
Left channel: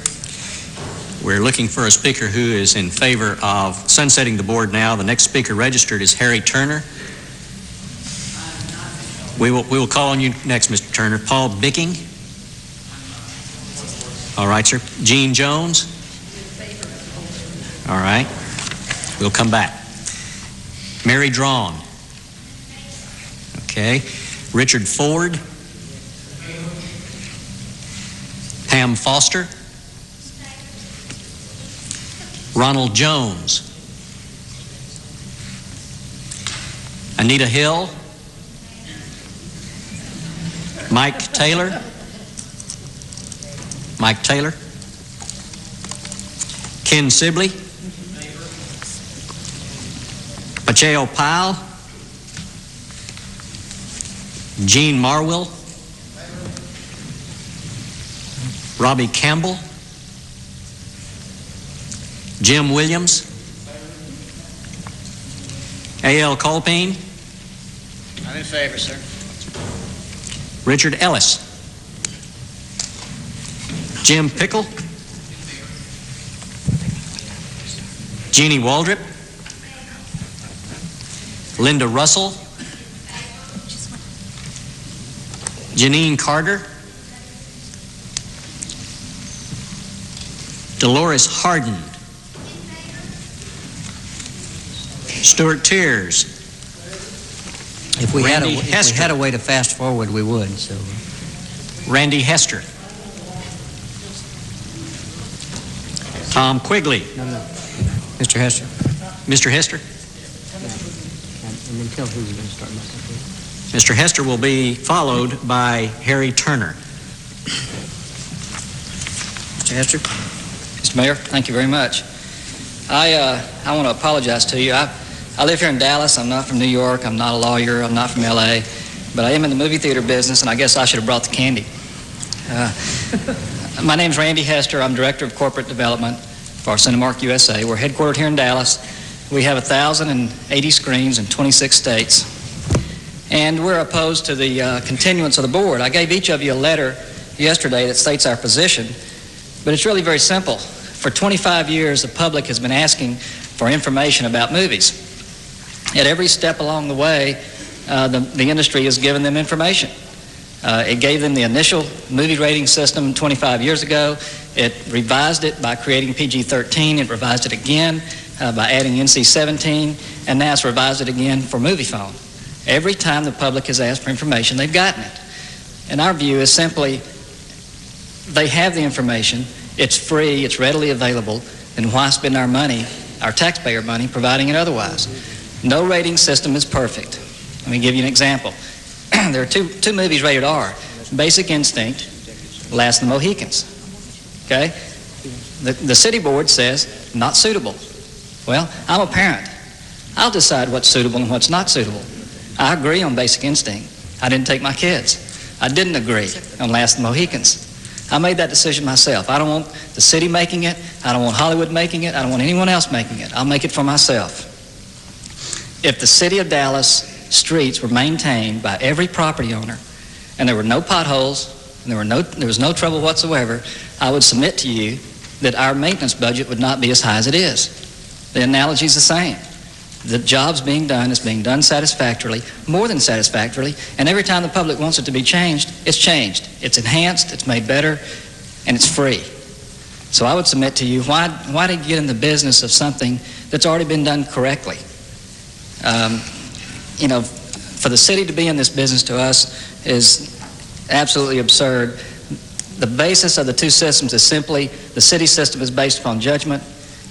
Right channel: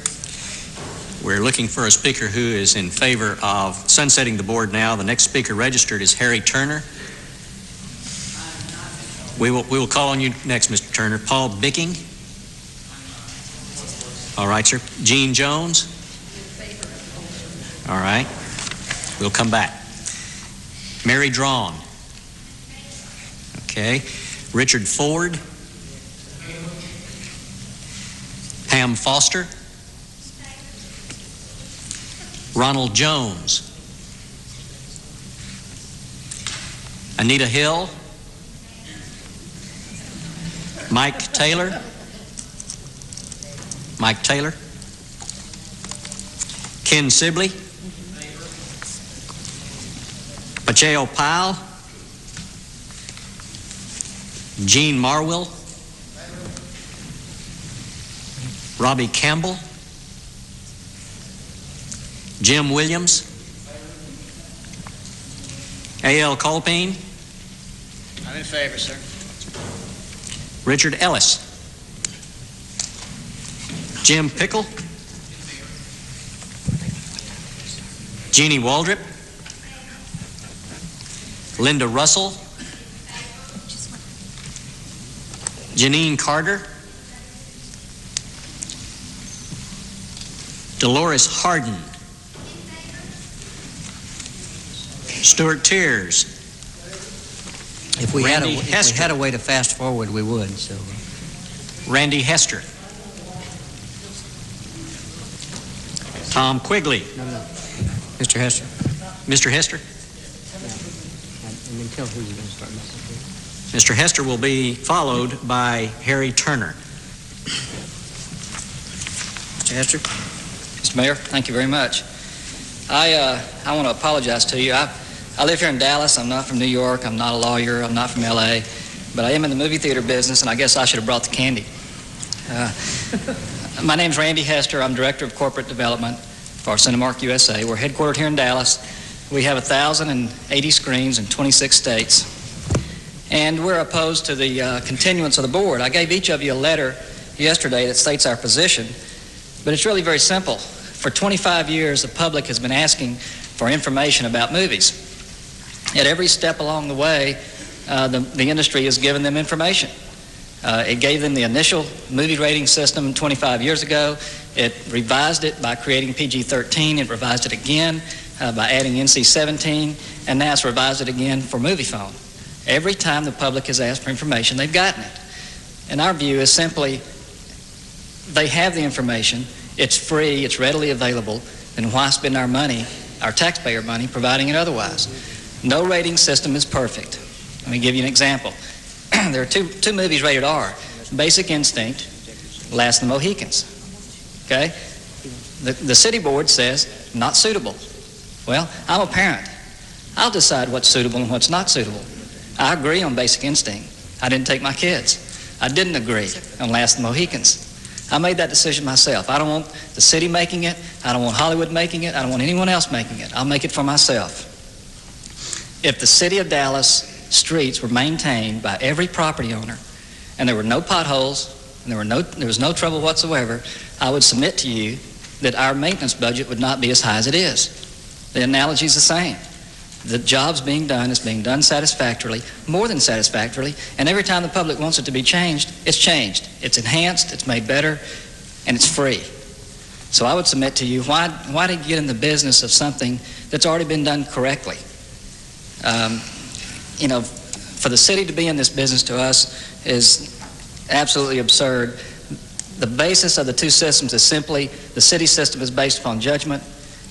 We're looking for a speaker who is in favor of sunsetting the board now. The next speaker registered is Harry Turner. We will call on you next, Mr. Turner. Paul Bicking? All right, sir. Gene Jones? All right. We'll come back. Mary Drawn? Okay. Richard Ford? Pam Foster? Ronald Jones? Anita Hill? Mike Taylor? Mike Taylor? Ken Sibley? Pacheco Powell? Gene Marwell? Robbie Campbell? Jim Williams? A.L. Colpine? I'm in favor, sir. Richard Ellis? Jim Pickle? Jeannie Waldrop? Linda Russell? Janine Carter? Dolores Harden? Stuart Tiers? If we had Hester. a way to fast forward, we would. So, Randy Hester? Tom Quigley? no. Mr. Hester. Mr. Hester? And then tell who you're going to start with. Mr. Hester will be followed by Harry Turner. Mr. Hester? Mr. Mayor, thank you very much. I want to apologize to you. I live here in Dallas. I'm not from New York. I'm not a lawyer. I'm not from L.A. But I am in the movie theater business, and I guess I should have brought the candy. My name's Randy Hester. I'm Director of Corporate Development for Cinemark USA. We're headquartered here in Dallas. We have 1,080 screens in 26 states. And we're opposed to the continuance of the board. I gave each of you a letter yesterday that states our position, but it's really very simple. For 25 years, the public has been asking for information about movies. At every step along the way, the industry has given them information. It gave them the initial movie rating system 25 years ago. It revised it by creating PG-13. It revised it again by adding NC-17, and now it's revised it again for movie phone. Every time the public has asked for information, they've gotten it. And our view is simply, they have the information, it's free, it's readily available, then why spend our money, our taxpayer money, providing it otherwise? No rating system is perfect. Let me give you an example. There are two movies rated R. Basic Instinct, Last of the Mohicans. Okay? The city board says, not suitable. Well, I'm a parent. I'll decide what's suitable and what's not suitable. I agree on Basic Instinct. I didn't take my kids. I didn't agree on Last of the Mohicans. I made that decision myself. I don't want the city making it. I don't want Hollywood making it. I don't want anyone else making it. I'll make it for myself. If the city of Dallas streets were maintained by every property owner and there were no potholes and there was no trouble whatsoever, I would submit to you that our maintenance budget would not be as high as it is. The analogy is the same. The job's being done is being done satisfactorily, more than satisfactorily, and every time the public wants it to be changed, it's changed. It's enhanced, it's made better, and it's free. So I would submit to you, why did you get in the business of something that's already been done correctly? For the city to be in this business to us is absolutely absurd. The basis of the two systems is simply the city system is based upon judgment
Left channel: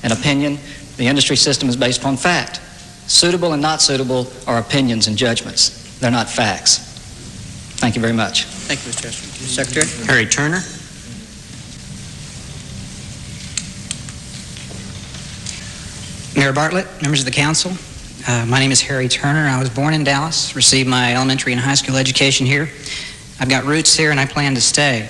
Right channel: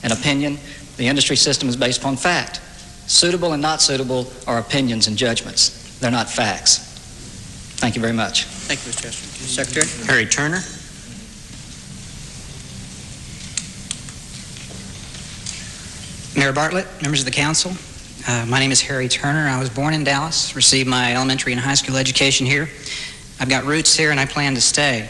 and opinion. The industry system is based upon fact. Suitable and not suitable are opinions and judgments. They're not facts. Thank you very much. Thank you, Mr. Chester. Secretary? Harry Turner. Mayor Bartlett, members of the council, my name is Harry Turner. I was born in Dallas, received my elementary and high school education here. I've got roots here and I plan to stay.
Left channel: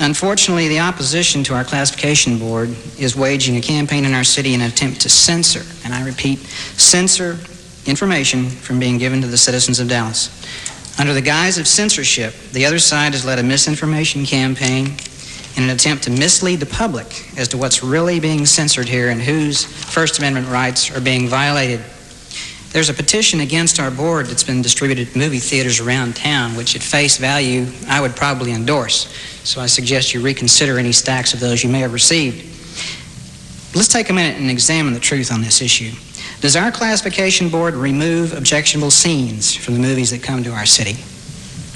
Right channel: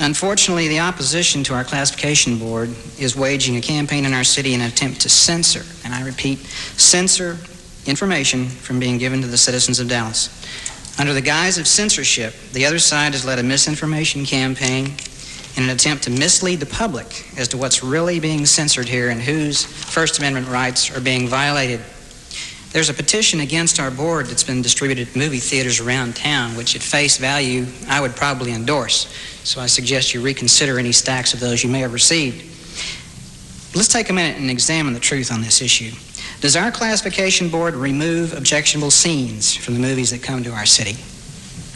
Unfortunately, the opposition to our classification board is waging a campaign in our city in an attempt to censor, and I repeat, censor information from being given to the citizens of Dallas. Under the guise of censorship, the other side has led a misinformation campaign in an attempt to mislead the public as to what's really being censored here and whose First Amendment rights are being violated. There's a petition against our board that's been distributed to movie theaters around town, which at face value I would probably endorse. So I suggest you reconsider any stacks of those you may have received. Let's take a minute and examine the truth on this issue. Does our classification board remove objectionable scenes from the movies that come to our city?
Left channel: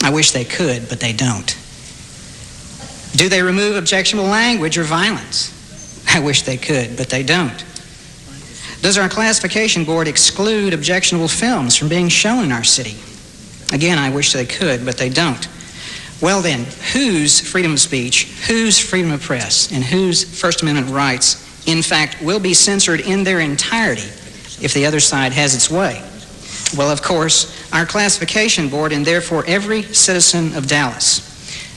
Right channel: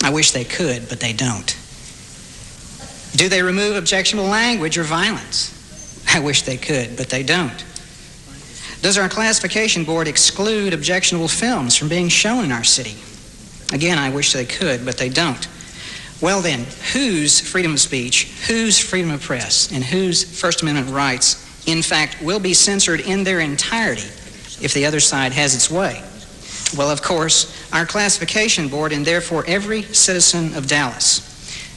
I wish they could, but they don't. Do they remove objectionable language or violence? I wish they could, but they don't. Does our classification board exclude objectionable films from being shown in our city? Again, I wish they could, but they don't. Well then, whose freedom of speech, whose freedom of press, and whose First Amendment rights, in fact, will be censored in their entirety if the other side has its way? Well, of course, our classification board and therefore every citizen of Dallas.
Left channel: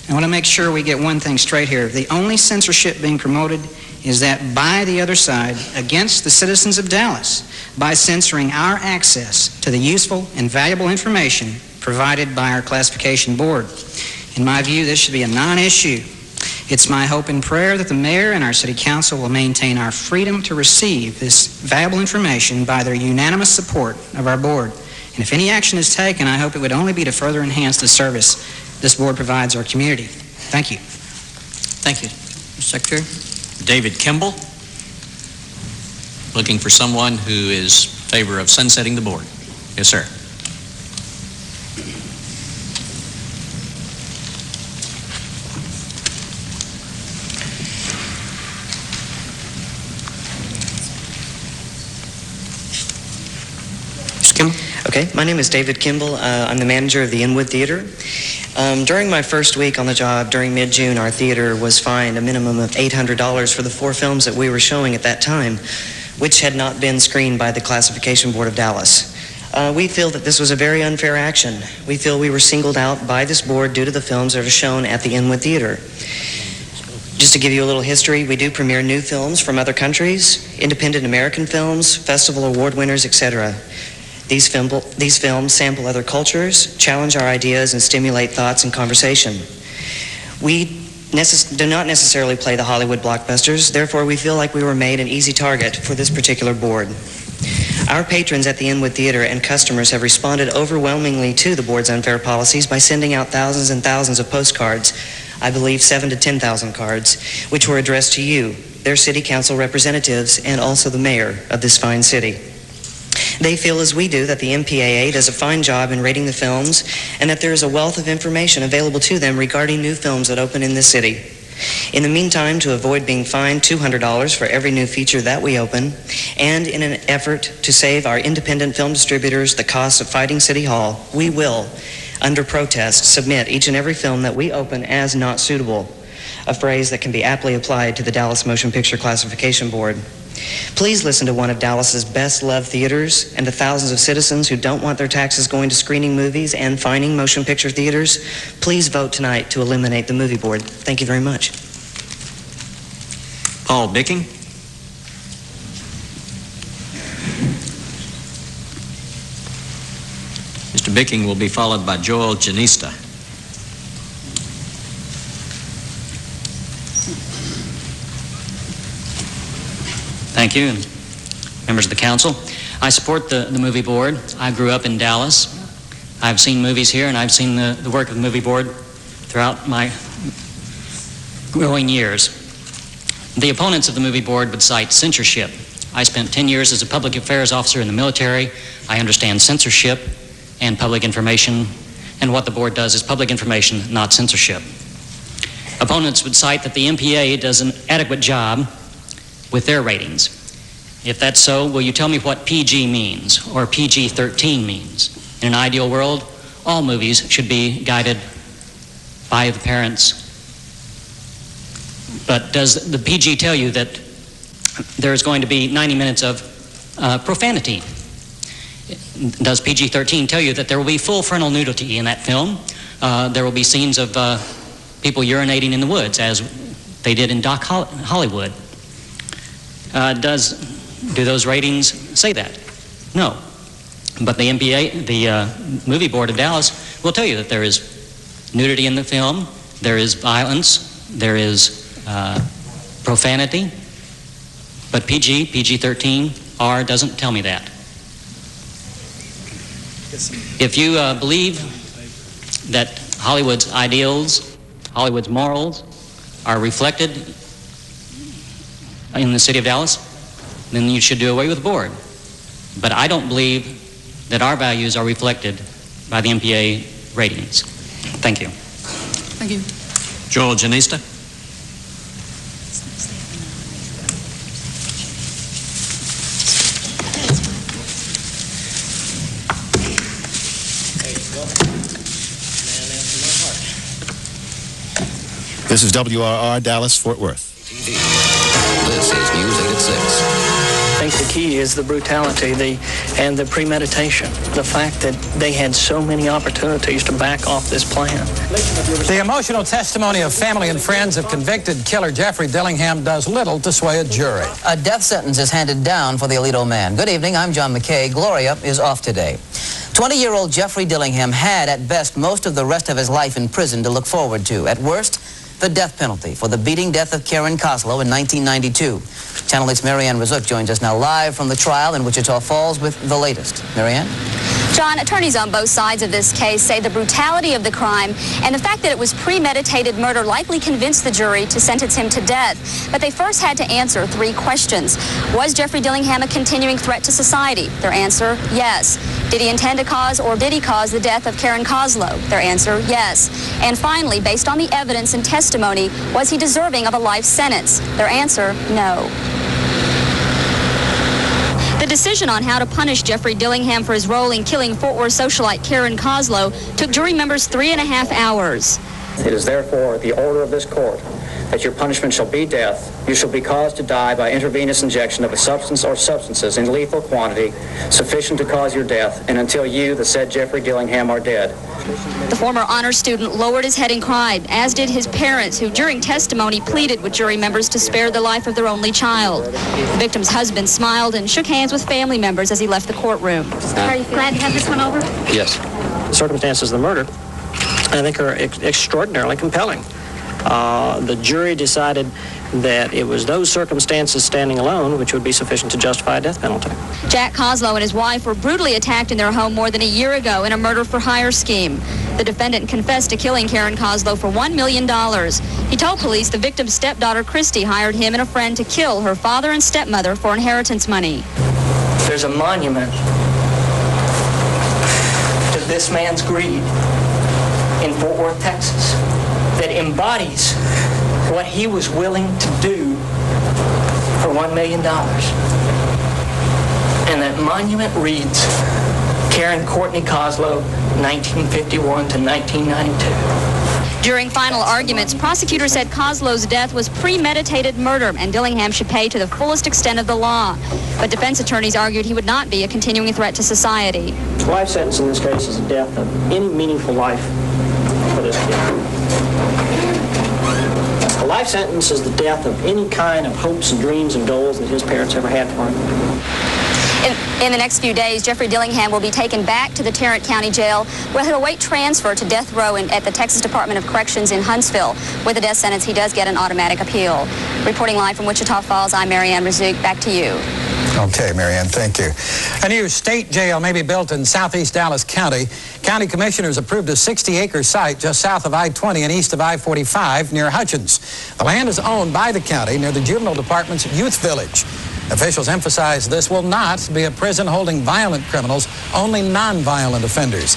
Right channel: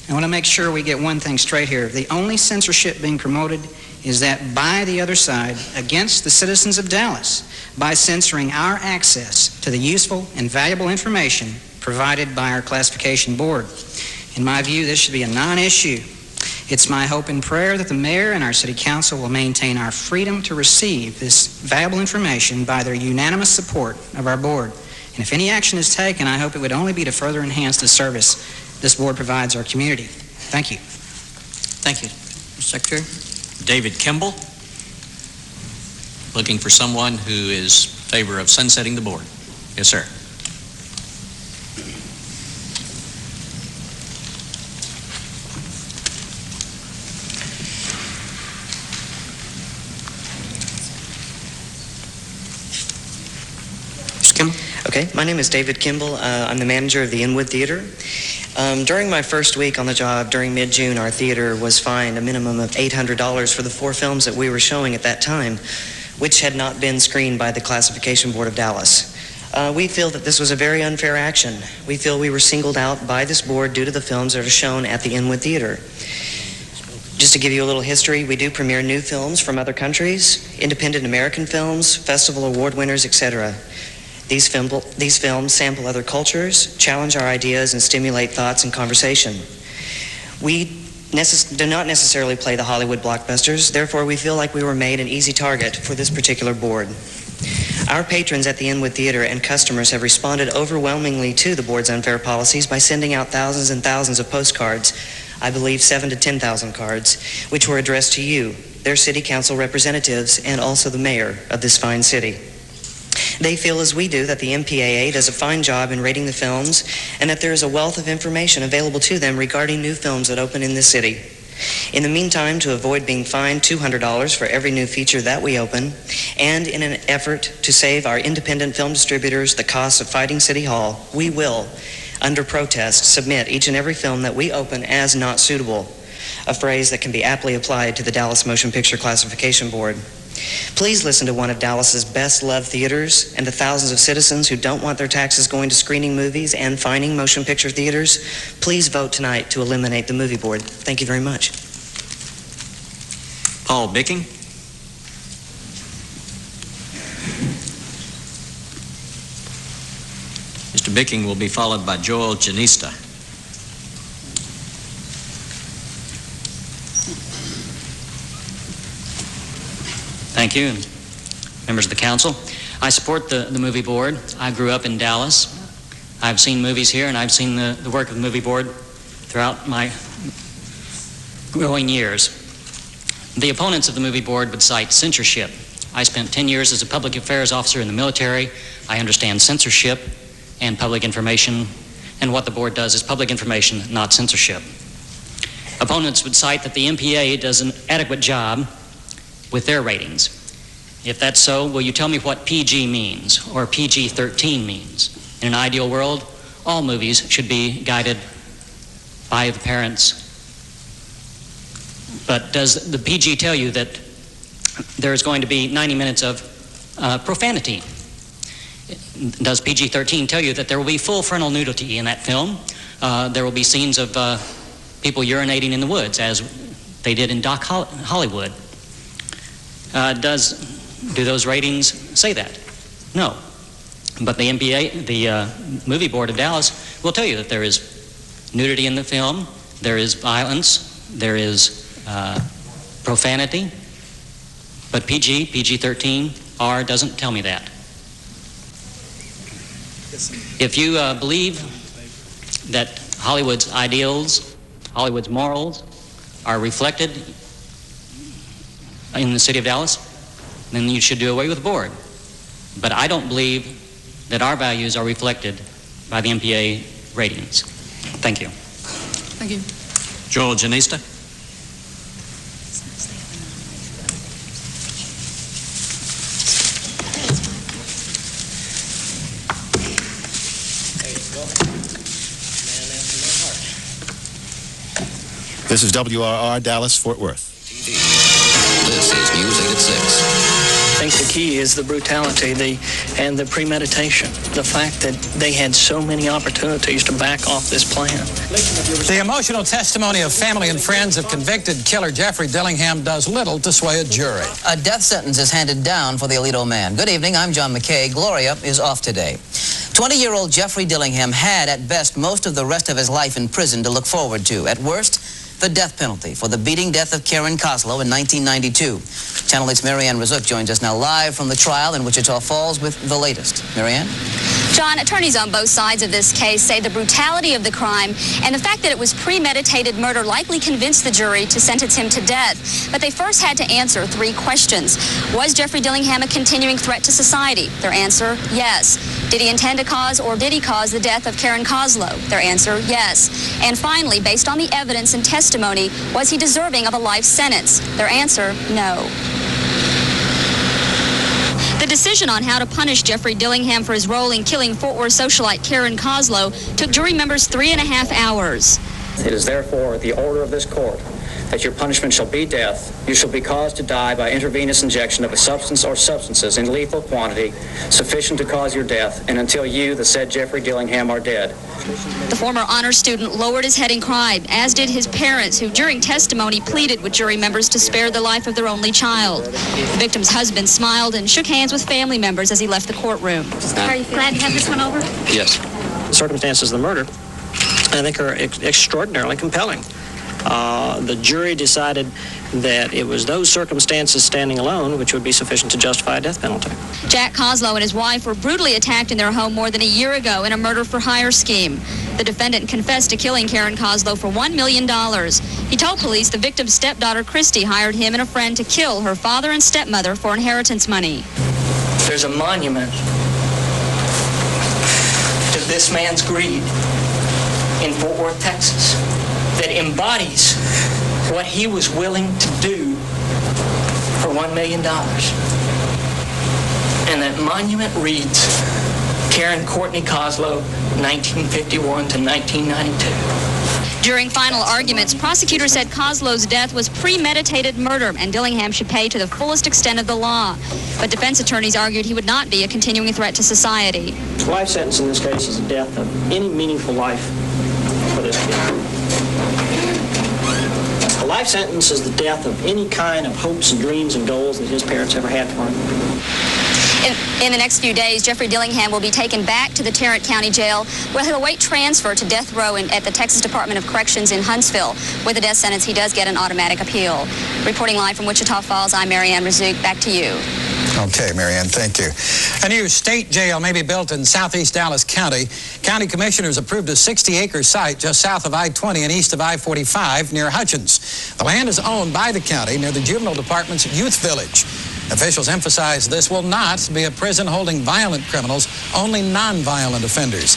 I want to make sure we get one thing straight here. The only censorship being promoted is that by the other side against the citizens of Dallas by censoring our access to the useful and valuable information provided by our classification board. In my view, this should be a non-issue. It's my hope and prayer that the mayor and our city council will maintain our freedom to receive this valuable information by their unanimous support of our board. And if any action is taken, I hope it would only be to further enhance the service this board provides our community. Thank you. Thank you. Mr. Secretary? David Kimball. Looking for someone who is in favor of sunsetting the board. Yes, sir. Okay, my name is David Kimball. I'm the manager of the Inwood Theater. During my first week on the job, during mid-June, our theater was fined a minimum of $800 for the 4 films that we were showing at that time, which had not been screened by the Classification Board of Dallas. We feel that this was a very unfair action. We feel we were singled out by this board due to the films that are shown at the Inwood Theater. Just to give you a little history, we do premiere new films from other countries, independent American films, festival award winners, etc. These films sample other cultures, challenge our ideas, and stimulate thoughts and conversation. We do not necessarily play the Hollywood blockbusters, therefore we feel like we were made an easy target for this particular board. Our patrons at the Inwood Theater and customers have responded overwhelmingly to the board's unfair policies by sending out thousands and thousands of postcards, I believe 7,000 to 10,000 cards, which were addressed to you, their city council representatives, and also the mayor of this fine city. They feel as we do that the MPAA does a fine job in rating the films and that there is a wealth of information available to them regarding new films that open in the city. In the meantime, to avoid being fined $200 for every new feature that we open, and in an effort to save our independent film distributors the cost of fighting City Hall, we will under protest, submit each and every film that we open as not suitable, a phrase that can be aptly applied to the Dallas Motion Picture Classification Board. Please listen to one of Dallas's best-loved theaters and the thousands of citizens who don't want their taxes going to screening movies and fining motion picture theaters. Please vote tonight to eliminate the movie board. Thank you very much. Paul Bicking. Mr. Bicking will be followed by Joel Jenista. Thank you, and members of the council. I support the movie board. I grew up in Dallas. I've seen movies here, and I've seen the work of the movie board throughout my growing years. The opponents of the movie board would cite censorship. I spent 10 years as a public affairs officer in the military. I understand censorship and public information, and what the board does is public information, not censorship. Opponents would cite that the MPA does an adequate job with their ratings. If that's so, will you tell me what PG means, or PG-13 means? In an ideal world, all movies should be guided by the parents. But does the PG tell you that there's going to be 90 minutes of profanity? Does PG-13 tell you that there will be full frontal nudity in that film? There will be scenes of people urinating in the woods, as they did in Doc Hollywood. Do those ratings say that? No. But the MPA, the movie board of Dallas, will tell you that there is nudity in the film, there is violence, there is profanity, but PG-13, R doesn't tell me that. If you believe that Hollywood's ideals, Hollywood's morals are reflected in the city of Dallas, then you should do away with the board. But I don't believe that our values are reflected by the MPA ratings. Thank you. Thank you. Joel Jenista. This is WRR Dallas, Fort Worth. This is News 8 at 6. I think the key is the brutality and the premeditation. The fact that they had so many opportunities to back off this plan. The emotional testimony of family and friends of convicted killer Jeffrey Dillingham does little to sway a jury. A death sentence is handed down for the Alito man. Good evening, I'm John McKay. Gloria is off today. 20-year-old Jeffrey Dillingham had, at best, most of the rest of his life in prison to look forward to. At worst, the death penalty for the beating death of Karen Kozlow in 1992. Channel 8's Marianne Razuk joins us now live from the trial in Wichita Falls with the latest. Marianne? John, attorneys on both sides of this case say the brutality of the crime and the fact that it was premeditated murder likely convinced the jury to sentence him to death. But they first had to answer 3 questions. Was Jeffrey Dillingham a continuing threat to society? Their answer, yes. Did he intend to cause or did he cause the death of Karen Kozlow? Their answer, yes. And finally, based on the evidence and testimony, was he deserving of a life sentence? Their answer, no. The decision on how to punish Jeffrey Dillingham for his role in killing Fort Worth socialite Karen Kozlow took jury members 3.5 hours. It is therefore the order of this court that your punishment shall be death. You shall be caused to die by intravenous injection of a substance or substances in lethal quantity sufficient to cause your death, and until you, the said Jeffrey Dillingham, are dead. The former honor student lowered his head and cried, as did his parents, who during testimony pleaded with jury members to spare the life of their only child. The victim's husband smiled and shook hands with family members as he left the courtroom. Are you glad to have this one over? Yes. The circumstances of the murder, I think, are extraordinarily compelling. The jury decided that it was those circumstances standing alone which would be sufficient to justify a death penalty. Jack Kozlow and his wife were brutally attacked in their home more than a year ago in a murder-for-hire scheme. The defendant confessed to killing Karen Kozlow for $1 million. He told police the victim's stepdaughter, Christy, hired him and a friend to kill her father and stepmother for inheritance money. There's a monument to this man's greed in Fort Worth, Texas, that embodies what he was willing to do for $1 million. And that monument reads, Karen Courtney Coslow, 1951 to 1992. During final arguments, prosecutors said Coslow's death was premeditated murder and Dillingham should pay to the fullest extent of the law. But defense attorneys argued he would not be a continuing threat to society. Life sentence in this case is the death of any meaningful life for this kid. A life sentence is the death of any kind of hopes and dreams and goals that his parents ever had for him. In the next few days, Jeffrey Dillingham will be taken back to the Tarrant County Jail, where he'll await transfer to death row at the Texas Department of Corrections in Huntsville. With a death sentence, he does get an automatic appeal. Reporting live from Wichita Falls, I'm Marianne Razouk. Back to you. Okay, Marianne, thank you. A new state jail may be built in southeast Dallas County. County commissioners approved a 60-acre site just south of I-20 and east of I-45 near Hutchins. The land is owned by the county near the Juvenile Department's Youth Village. Officials emphasize this will not be a prison holding violent criminals, only non-violent offenders.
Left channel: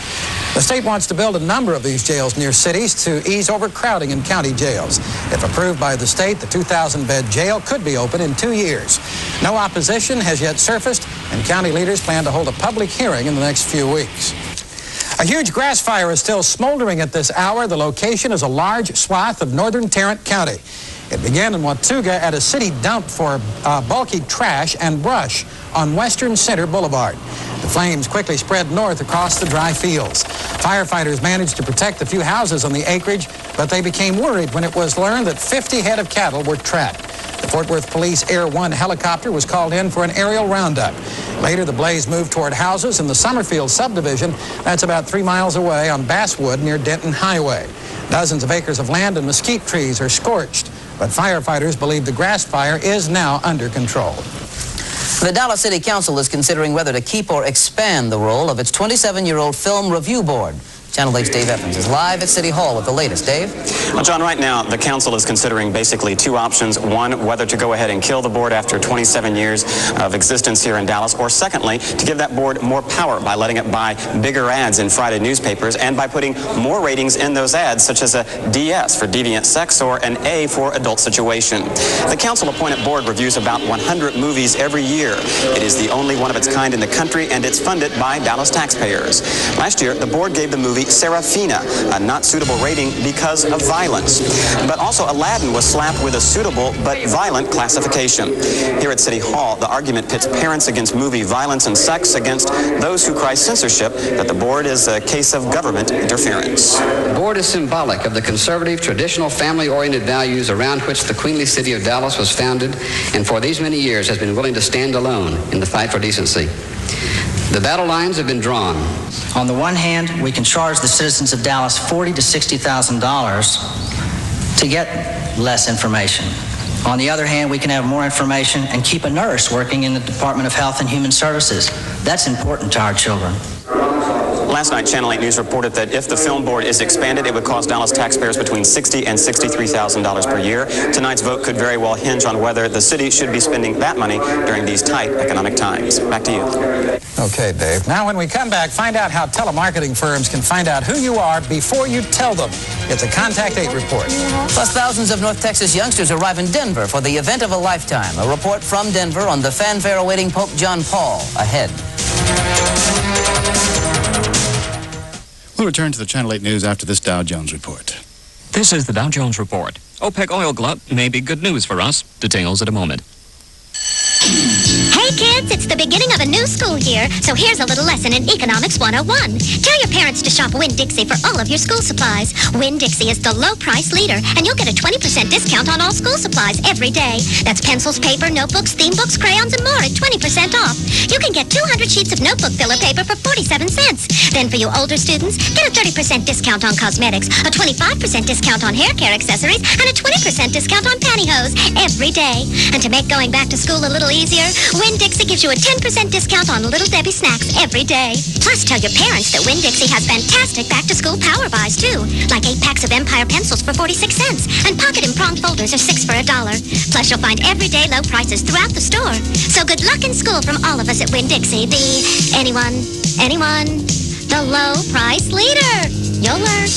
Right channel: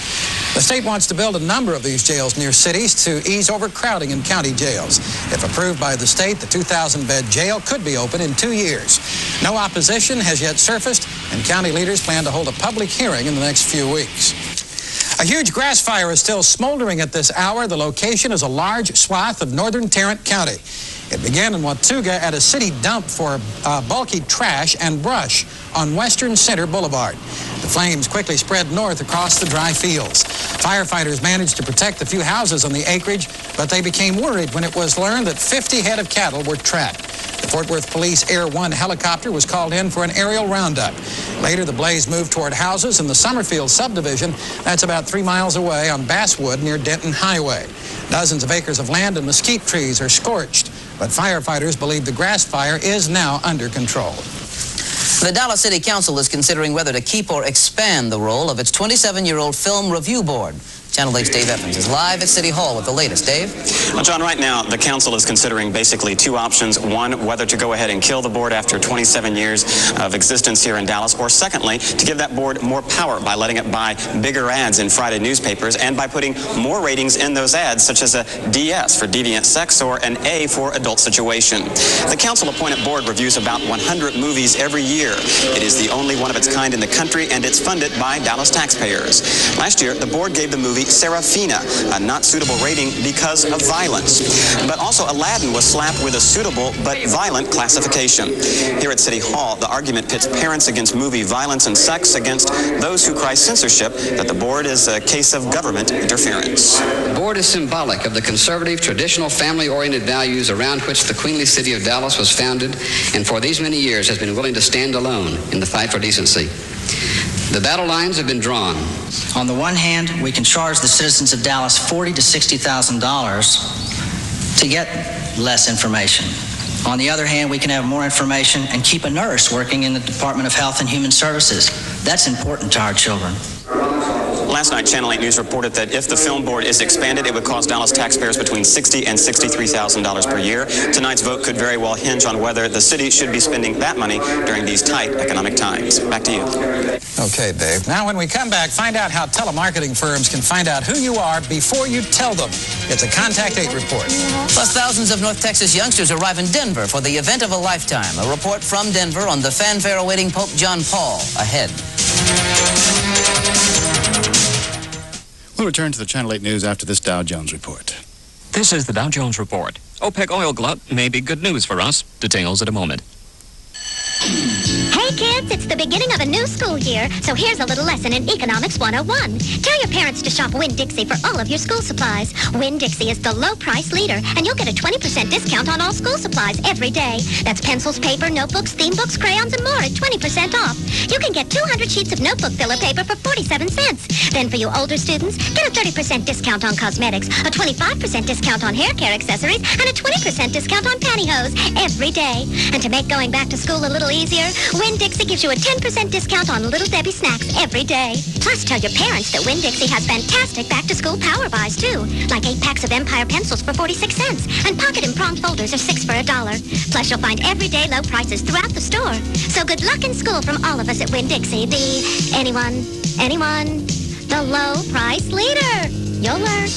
The state wants to build a number of these jails near cities to ease overcrowding in county jails. If approved by the state, the 2,000-bed jail could be open in 2 years. No opposition has yet surfaced, and county leaders plan to hold a public hearing in the next few weeks. A huge grass fire is still smoldering at this hour. The location is a large swath of northern Tarrant County. It began in Watauga at a city dump for bulky trash and brush on Western Center Boulevard. The flames quickly spread north across the dry fields. Firefighters managed to protect the few houses on the acreage, but they became worried when it was learned that 50 head of cattle were trapped. The Fort Worth Police Air 1 helicopter was called in for an aerial roundup. Later, the blaze moved toward houses in the Summerfield subdivision. That's about 3 miles away on Basswood near Denton Highway. Dozens of acres of land and mesquite trees are scorched, but firefighters believe the grass fire is now under control. The Dallas City Council is considering whether to keep or expand the role of its 27-year-old film review board. Channel 8's Dave Evans is live at City Hall with the latest. Dave? Well, John, right now, the council is considering basically two options. One, whether to go ahead and kill the board after 27 years of existence here in Dallas, or secondly, to give that board more power by letting it buy bigger ads in Friday newspapers and by putting more ratings in those ads, such as a DS for deviant sex or an A for adult situation. The council-appointed board reviews about 100 movies every year. It is the only one of its kind in the country, and it's funded by Dallas taxpayers. Last year, the board gave the movie Serafina a not suitable rating because of violence. But also Aladdin was slapped with a suitable but violent classification. Here at City Hall, the argument pits parents against movie violence and sex against those who cry censorship, that the board is a case of government interference. The board is symbolic of the conservative, traditional, family-oriented values around which the queenly city of Dallas was founded, and for these many years has been willing to stand alone in the fight for decency. The battle lines have been drawn. On the one hand, we can charge the citizens of Dallas $40,000 to $60,000 to get less information. On the other hand, we can have more information and keep a nurse working in the Department of Health and Human Services. That's important to our children. Last night, Channel 8 News reported that if the film board is expanded, it would cost Dallas taxpayers between $60,000 and $63,000 per year. Tonight's vote could very well hinge on whether the city should be spending that money during these tight economic times. Back to you. Okay, Dave. Now, when we come back, find out how telemarketing firms can find out who you are before you tell them. It's a Contact 8 report. Plus, thousands of North Texas youngsters arrive in Denver for the event of a lifetime. A report from Denver on the fanfare awaiting Pope John Paul ahead. We'll return to the Channel 8 News after this Dow Jones report. This is the Dow Jones report. OPEC oil glut may be good news for us. Details in a moment. Hey kids, it's the beginning of a new school year, so here's a little lesson in Economics 101. Tell your parents to shop Winn-Dixie for all of your school supplies. Winn-Dixie is the low price leader, and you'll get a 20% discount on all school supplies every day. That's pencils, paper, notebooks, theme books, crayons, and more at 20% off. You can get 200 sheets of notebook filler paper for 47 cents. Then for you older students, get a 30% discount on cosmetics, a 25% discount on hair care accessories, and a 20% discount on pantyhose every day. And to make going back to school a little easier, Winn-Dixie gives you a 10% discount on Little Debbie snacks every day. Plus, tell your parents that Winn-Dixie has fantastic back-to-school power buys, too. Like 8 packs of Empire pencils for 46 cents, and pocket and prong folders are 6 for $1. Plus, you'll find everyday low prices throughout the store. So good luck in school from all of us at Winn-Dixie, the anyone, the low price leader. You'll learn.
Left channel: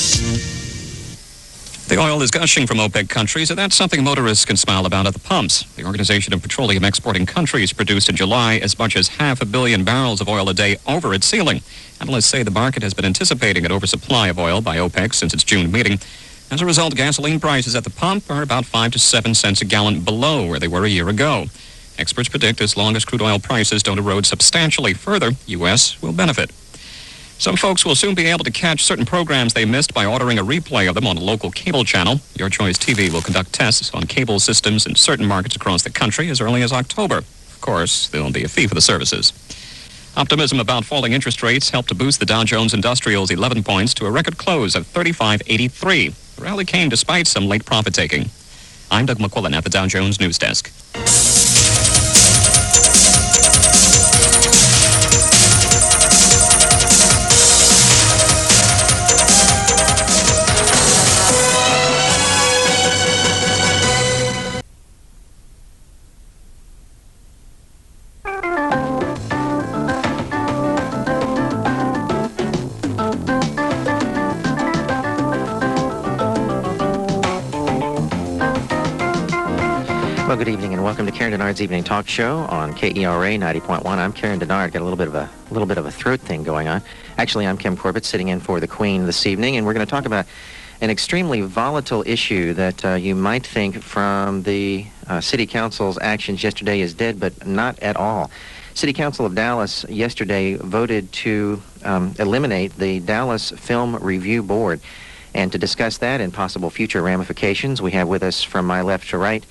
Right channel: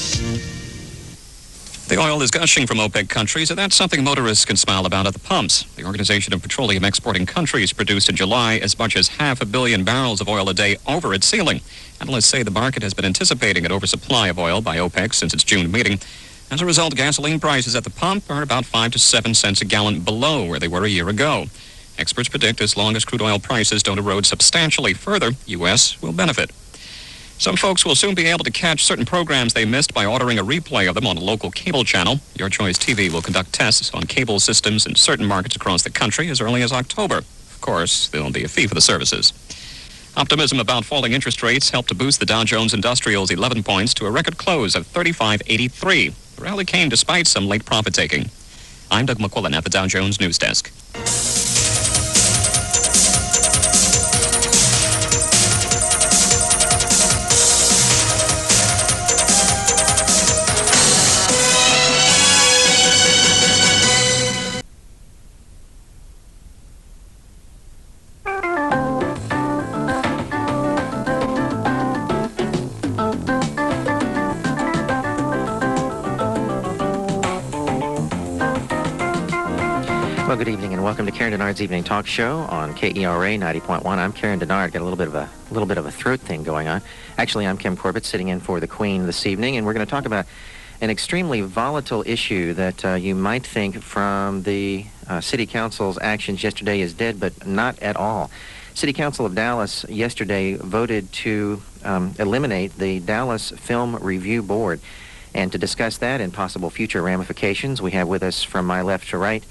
The oil is gushing from OPEC countries, and that's something motorists can smile about at the pumps. The Organization of Petroleum Exporting Countries produced in July as much as 500 million barrels of oil a day over its ceiling. Analysts say the market has been anticipating an oversupply of oil by OPEC since its June meeting. As a result, gasoline prices at the pump are about 5 to 7 cents a gallon below where they were a year ago. Experts predict as long as crude oil prices don't erode substantially further, U.S. will benefit. Some folks will soon be able to catch certain programs they missed by ordering a replay of them on a local cable channel. Your Choice TV will conduct tests on cable systems in certain markets across the country as early as October. Of course, there will be a fee for the services. Optimism about falling interest rates helped to boost the Dow Jones Industrial's 11 points to a record close of 3583. The rally came despite some late profit-taking. I'm Doug McQuillan at the Dow Jones News Desk. Well, good evening and welcome to Karen Denard's Evening Talk Show on KERA 90.1. I'm Karen Denard. Got a little bit of a throat thing going on. Actually, I'm Kim Corbett sitting in for the Queen this evening, and we're going to talk about an extremely volatile issue that you might think from the City Council's actions yesterday is dead, but not at all. City Council of Dallas yesterday voted to eliminate the Dallas Film Review Board. And to discuss that and possible future ramifications, we have with us from my left to right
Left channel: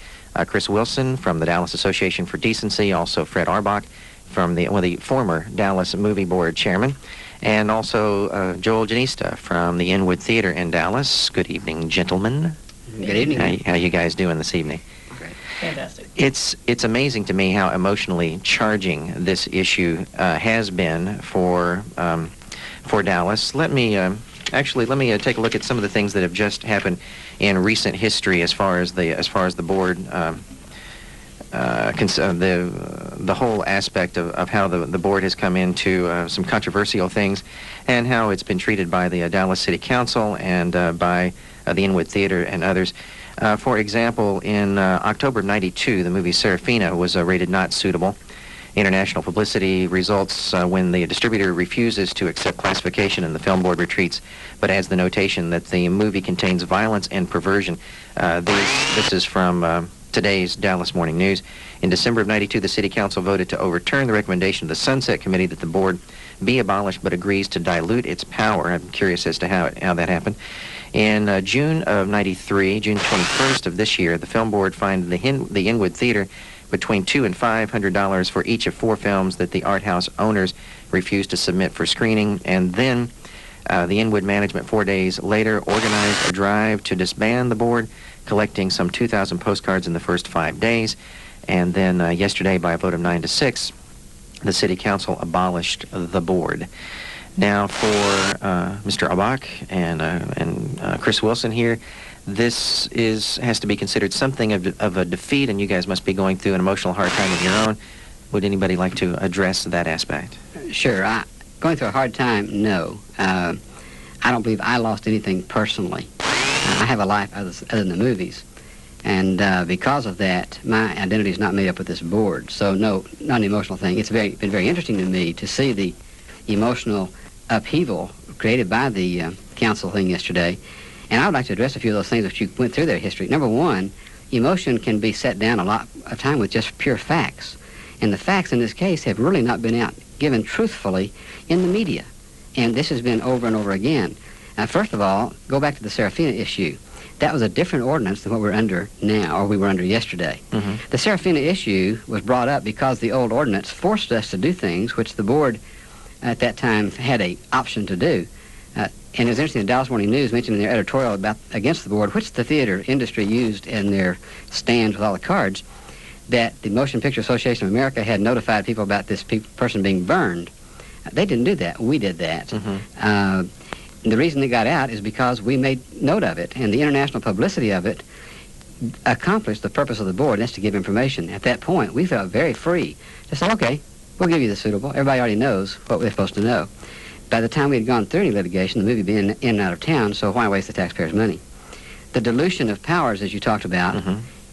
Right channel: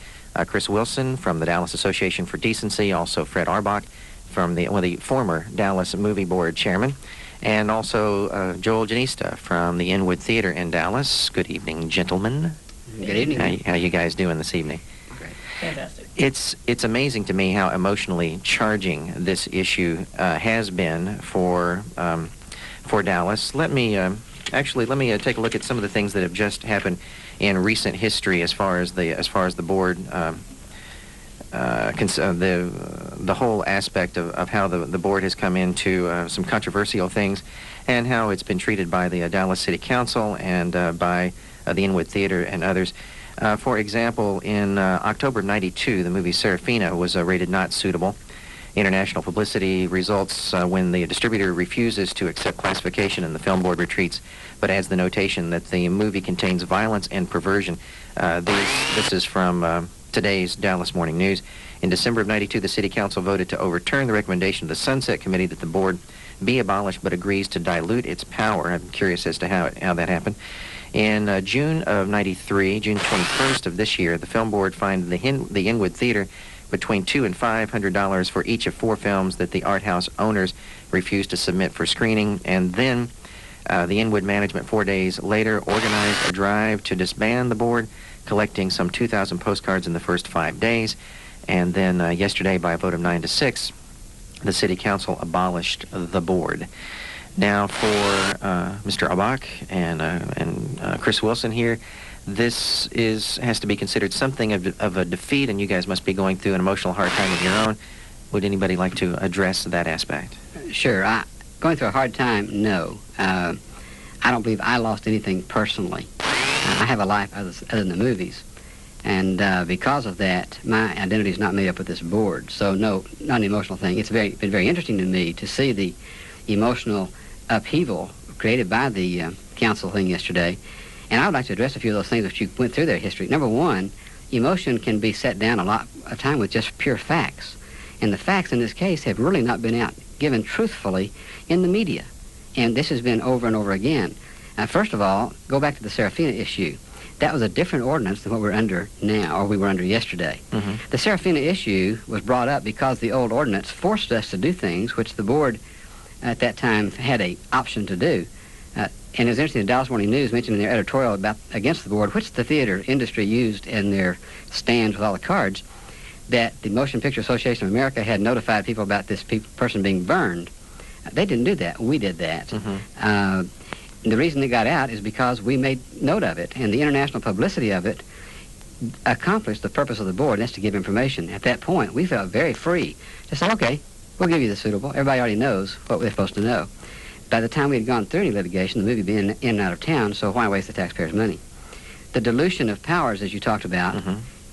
Chris Wilson from the Dallas Association for Decency, also Fred Aurbach from the former Dallas Movie Board chairman, and also Joel Jenista from the Inwood Theater in Dallas. Good evening, gentlemen. Good evening. How you guys doing this evening? Great. Fantastic. It's amazing to me how emotionally charging this issue has been for Dallas. Let me take a look at some of the things that have just happened in recent history as far as the board, the whole aspect of how the board has come into some controversial things, and how it's been treated by the Dallas City Council and by the Inwood Theater and others. For example, in October of '92, the movie Serafina was rated not suitable. International publicity results when the distributor refuses to accept classification and the film board retreats, but adds the notation that the movie contains violence and perversion. This is from today's Dallas Morning News. In December of '92, the City Council voted to overturn the recommendation of the Sunset Committee that the board be abolished, but agrees to dilute its power. I'm curious as to how that happened. In June of '93, June 21st of this year, the film board fined the Inwood Theater between $200 and $500 for each of 4 films that the art house owners refused to submit for screening. And then the Inwood management 4 days later organized a drive to disband the board, collecting some 2,000 postcards in the first 5 days. And then yesterday, by a vote of 9-6, the City Council abolished the board. Now, for Mr. Aurbach and Chris Wilson here, this has to be considered something of a defeat, and you guys must be going through an emotional hard time of your own. Would anybody like to address that aspect? Sure. Going through a hard time, no. I don't believe I lost anything personally. I have a life other than the movies. And because of that, my identity is not made up with this board. So, no, not an emotional thing. It's been very interesting to me to see the emotional upheaval created by the council thing yesterday. And I would like to address a few of those things that you went through their history. Number one, emotion can be set down a lot of time with just pure facts. And the facts in this case have really not been given truthfully in the media. And this has been over and over again. First of all, go back to the Serafina issue. That was a different ordinance than what we're under now, or we were under yesterday. Mm-hmm. The Serafina issue was brought up because the old ordinance forced us to do things which the board at that time had an option to do. And it was interesting, the Dallas Morning News mentioned in their editorial against the board, which the theater industry used in their stands with all the cards, that the Motion Picture Association of America had notified people about this person being burned. They didn't do that. We did that. Mm-hmm. The reason it got out is because we made note of it, and the international publicity of it accomplished the purpose of the board, and that's to give information. At that point, we felt very free to say, okay, we'll give you the suitable. Everybody already knows what they're supposed to know. By the time we had gone through any litigation, the movie being in and out of town, so why waste the taxpayers' money? the dilution of powers, as you talked about,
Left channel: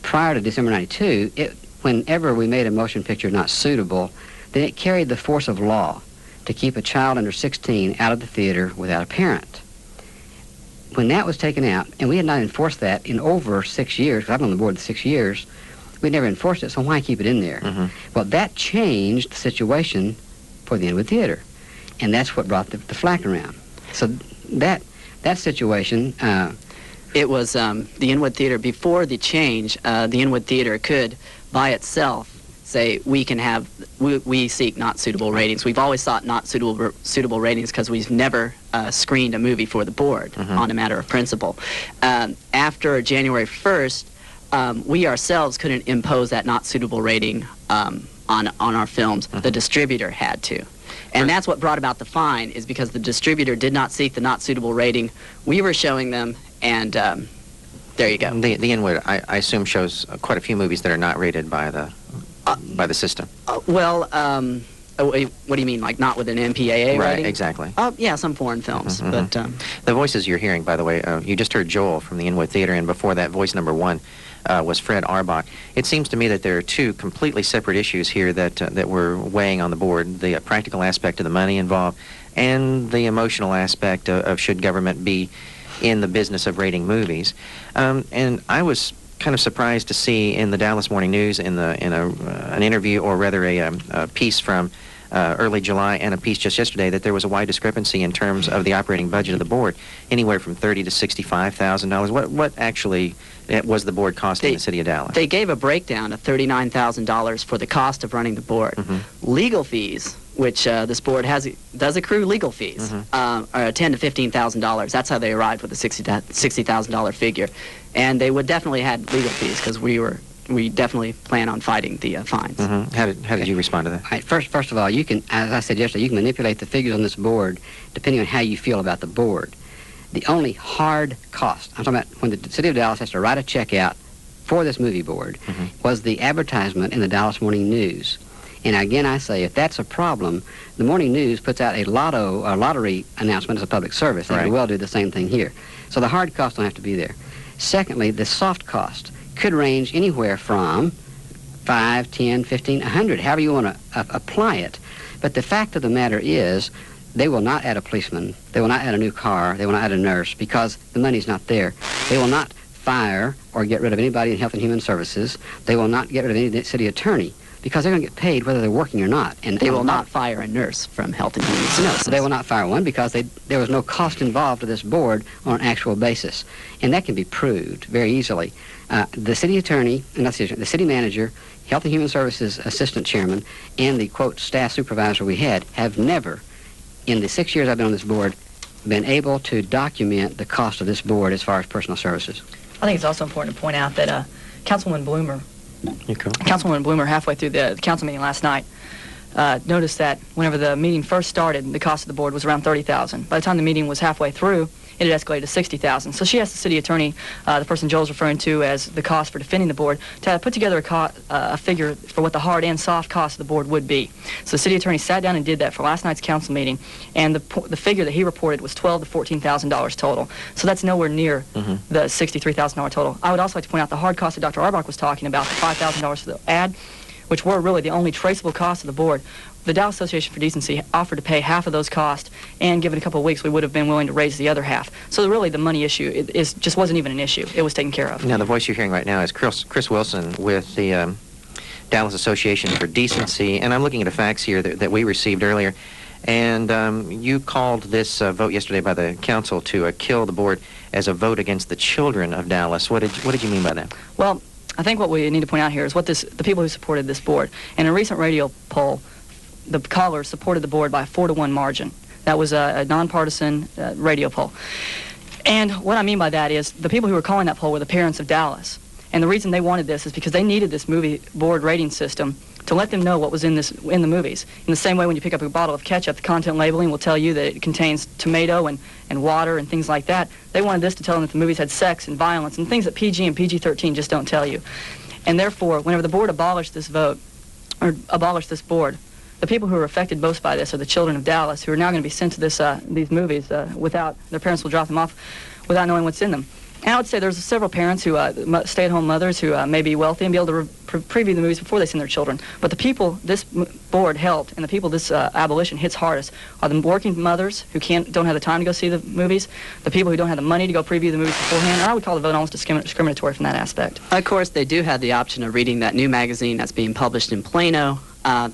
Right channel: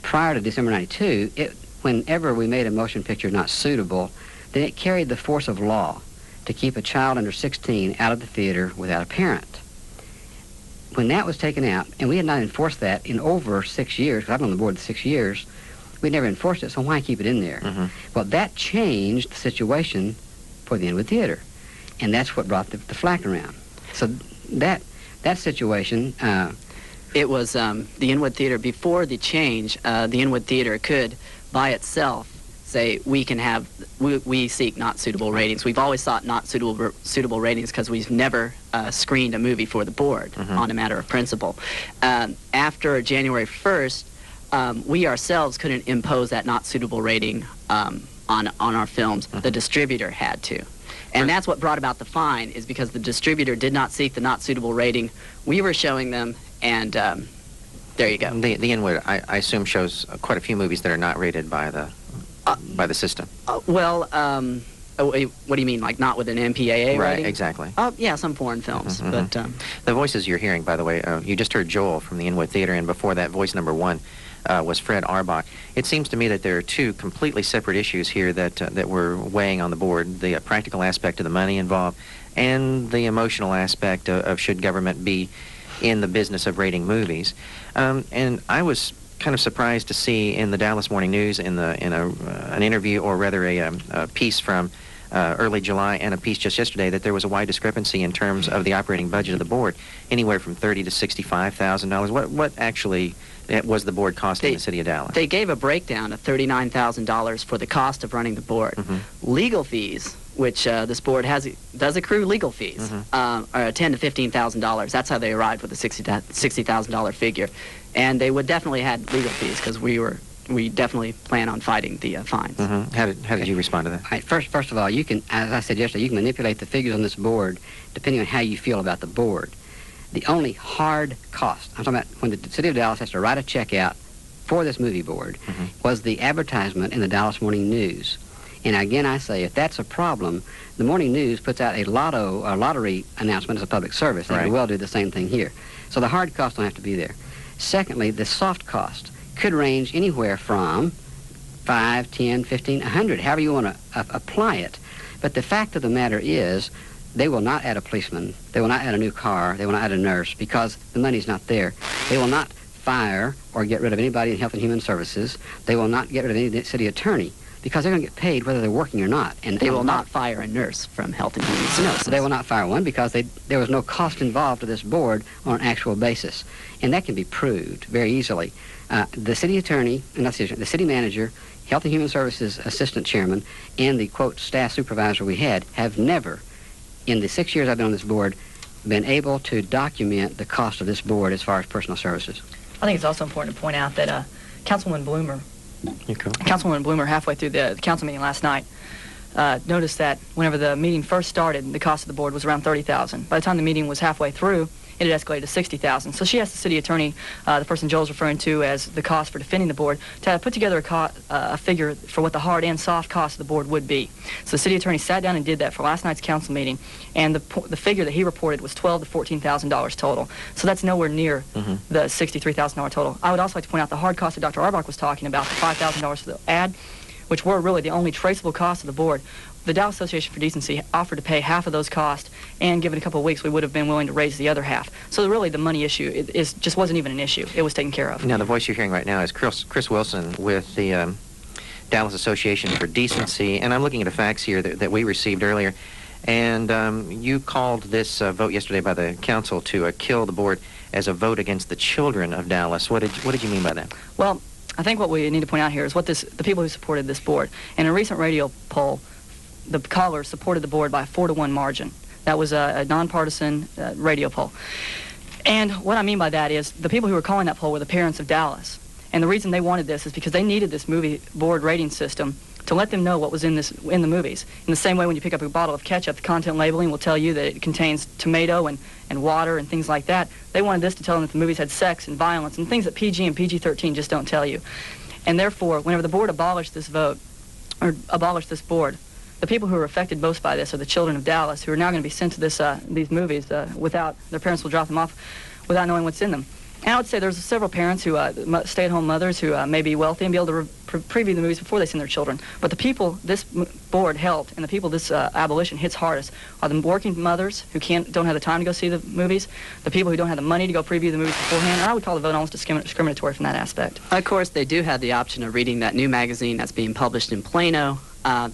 prior to December 92, whenever we made a motion picture not suitable, then it carried the force of law to keep a child under 16 out of the theater without a parent. When that was taken out, and we had not enforced that in over 6 years, because I've been on the board 6 years, we never enforced it, so why keep it in there? Well, that changed the situation for the Inwood Theater, and that's what brought the flack around. So that situation... It was the Inwood Theater, before the change, the Inwood Theater could, by itself, say we seek not suitable ratings. We've always sought not suitable ratings because we've never screened a movie for the board on a matter of principle. After January 1st, we ourselves couldn't impose that not suitable rating on our films. The distributor had to. And that's what brought about the fine, is because the distributor did not seek the not suitable rating. We were showing them, and there you go. The Inwood, I assume, shows quite a few movies that are not rated by the system. What do you mean, like not with an MPAA right, rating? Exactly. Yeah, some foreign films. But the voices you're hearing, by the way, you just heard Joel from the Inwood Theater, and before that, voice number 1 was Fred Aurbach. It seems to me that there are two completely separate issues here that we're weighing on the board: the practical aspect of the money involved, and the emotional aspect of should government be in the business of rating movies. And I was kind of surprised to see in the Dallas Morning News, in an interview, or rather a piece from early July and a piece just yesterday, that there was a wide discrepancy in terms of the operating budget of the board, anywhere from $30,000 to $65,000. What actually was the board costing the city of Dallas? They gave a breakdown of $39,000 for the cost of running the board. Legal fees, which this board does accrue legal fees, are $10,000 to $15,000. That's how they arrived with the $60,000 figure. And they would definitely have legal fees, because we definitely plan on fighting the fines. How did you respond to that? Right, first of all, you can, as I said yesterday, you can manipulate the figures on this board depending on how you feel about the board. The only hard cost, I'm talking about when the city of Dallas has to write a check out for this movie board, was the advertisement in the Dallas Morning News. And again, I say, if that's a problem, the Morning News puts out a lottery announcement as a public service. They could well do the same thing here. So the hard cost don't have to be there. Secondly, the soft cost could range anywhere from 5, 10, 15, 100, however you want to apply it. But the fact of the matter is, they will not add a policeman, they will not add a new car, they will not add a nurse, because the money's not there. They will not fire or get rid of anybody in Health and Human Services. They will not get rid of any city attorney, because they're going to get paid whether they're working or not. And they will not fire a nurse from Health and Human Services. No, they will not fire one, because there was no cost involved to this board on an actual basis. And that can be proved very easily. The city attorney, the city manager, Health and Human Services assistant chairman, and the, quote, staff supervisor we had have never, in the 6 years I've been on this board, been able to document the cost of this board as far as personal services. I think it's also important to point out that Councilwoman Bloomer, halfway through the council meeting last night, noticed that whenever the meeting first started, the cost of the board was around $30,000. By the time the meeting was halfway through, it had escalated to $60,000. So she asked the city attorney, the person Joel's referring to as the cost for defending the board, to put together a figure for what the hard and soft cost of the board would be. So the city attorney sat down and did that for last night's council meeting, and the figure that he reported was $12,000 to $14,000 total. So that's nowhere near the $63,000 total. I would also like to point out the hard cost that Dr. Auerbach was talking about, the $5,000 for the ad, which were really the only traceable costs of the board. The Dallas Association for Decency offered to pay half of those costs, and given a couple of weeks, we would have been willing to raise the other half. So really, the money issue just wasn't even an issue. It was taken care of. Now, the voice you're hearing right now is Chris Wilson with the Dallas Association for Decency, and I'm looking at the facts here that we received earlier. And you called this vote yesterday by the council to kill the board as a vote against the children of Dallas. What did you mean by that? Well, I think what we need to point out here is the people who supported this board. In a recent radio poll, the callers supported the board by a 4-to-1 margin. That was a nonpartisan radio poll. And what I mean by that is the people who were calling that poll were the parents of Dallas. And the reason they wanted this is because they needed this movie board rating system to let them know what was in the movies. In the same way when you pick up a bottle of ketchup, the content labeling will tell you that it contains tomato and water and things like that. They wanted this to tell them that the movies had sex and violence and things that PG and PG-13 just don't tell you. And therefore, whenever the board abolished this vote, or abolished this board, the people who are affected most by this are the children of Dallas, who are now going to be sent to these movies without, their parents will drop them off without knowing what's in them. And I would say there's several parents who, stay-at-home mothers who may be wealthy and be able to preview the movies before they send their children. But the people this board helped and the people this abolition hits hardest are the working mothers who don't have the time to go see the movies, the people who don't have the money to go preview the movies beforehand, and I would call the vote almost discriminatory from that aspect. Of course, they do have the option of reading that new magazine that's being published in Plano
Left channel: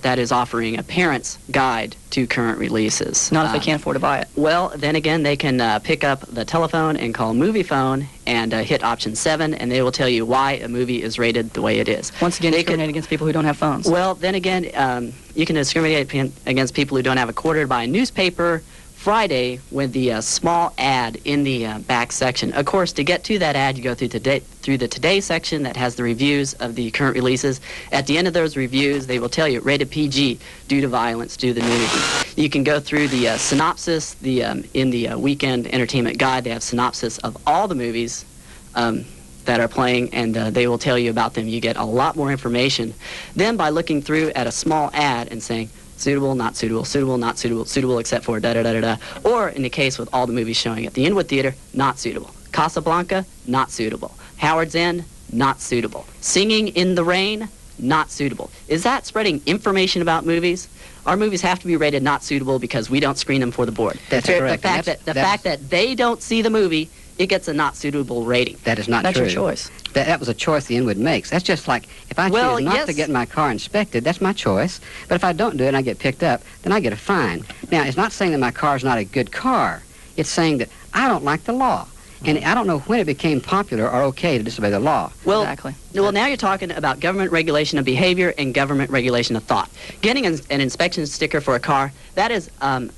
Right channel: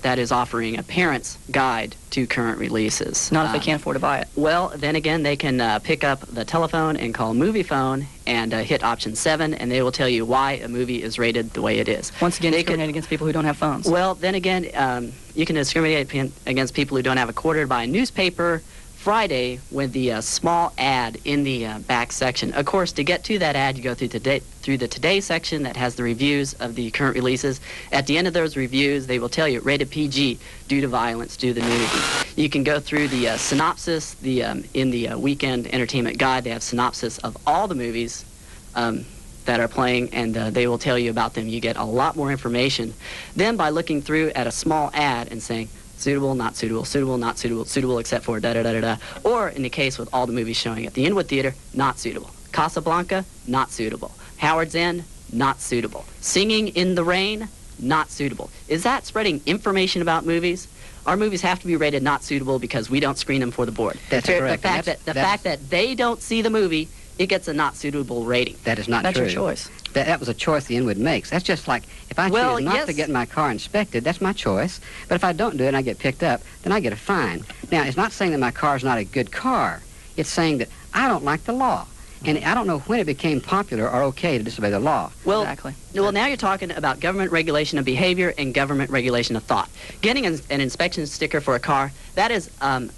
that is offering a parent's guide to current releases. Not if they can't afford to buy it. Well, then again, they can pick up the telephone and call Movie Phone and hit option 7, and they will tell you why a movie is rated the way it is. Once again, discriminating against people who don't have phones. Well, then again, you can discriminate against people who don't have a quarter to buy a newspaper Friday with the small ad in the back section. Of course, to get to that ad, you go through the Today section that has the reviews of the current releases. At the end of those reviews, they will tell you rated PG due to violence, due to the nudity. You can go through the synopsis. In the Weekend Entertainment Guide, they have synopsis of all the movies that are playing, and they will tell you about them. You get a lot more information. Then by looking through at a small ad and saying, suitable, not suitable, suitable, not suitable, suitable except for da-da-da-da-da. Or in the case with all the movies showing at the Inwood Theater, not suitable. Casablanca, not suitable. Howard's End, not suitable. Singing in the Rain, not suitable. Is that spreading information about movies? Our movies have to be rated not suitable because we don't screen them for the board. That's correct. The fact that they don't see the movie, it gets a not suitable rating. That is not That's true. your choice. That was a choice the Inwood makes. That's just like, if I choose not to get my car inspected, that's my choice. But if I don't do it and I get picked up, then I get a fine. Now, it's not saying that my car is not a good car. It's saying that I don't like the law. And I don't know when it became popular or okay to disobey the law. Well, exactly. Well, now you're talking about government regulation of behavior and government regulation of thought. Getting an inspection sticker for a car, that is a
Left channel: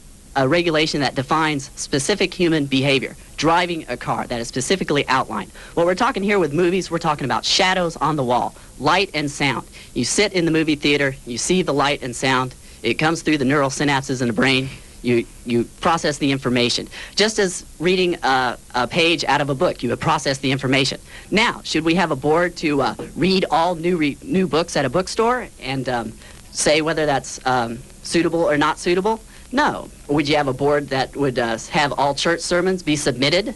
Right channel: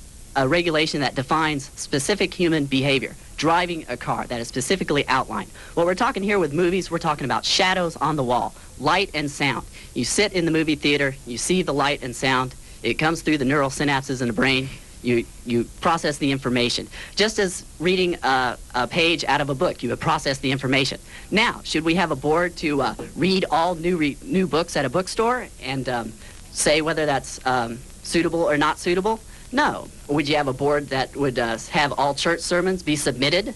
regulation that defines specific human behavior. Driving a car that is specifically outlined. What we're talking here with movies, we're talking about shadows on the wall, light and sound. You sit in the movie theater, you see the light and sound, it comes through the neural synapses in the brain, you process the information. Just as reading a page out of a book, you would process the information. Now, should we have a board to read all new books at a bookstore and say whether that's suitable or not suitable? No. Would you have a board that would have all church sermons be submitted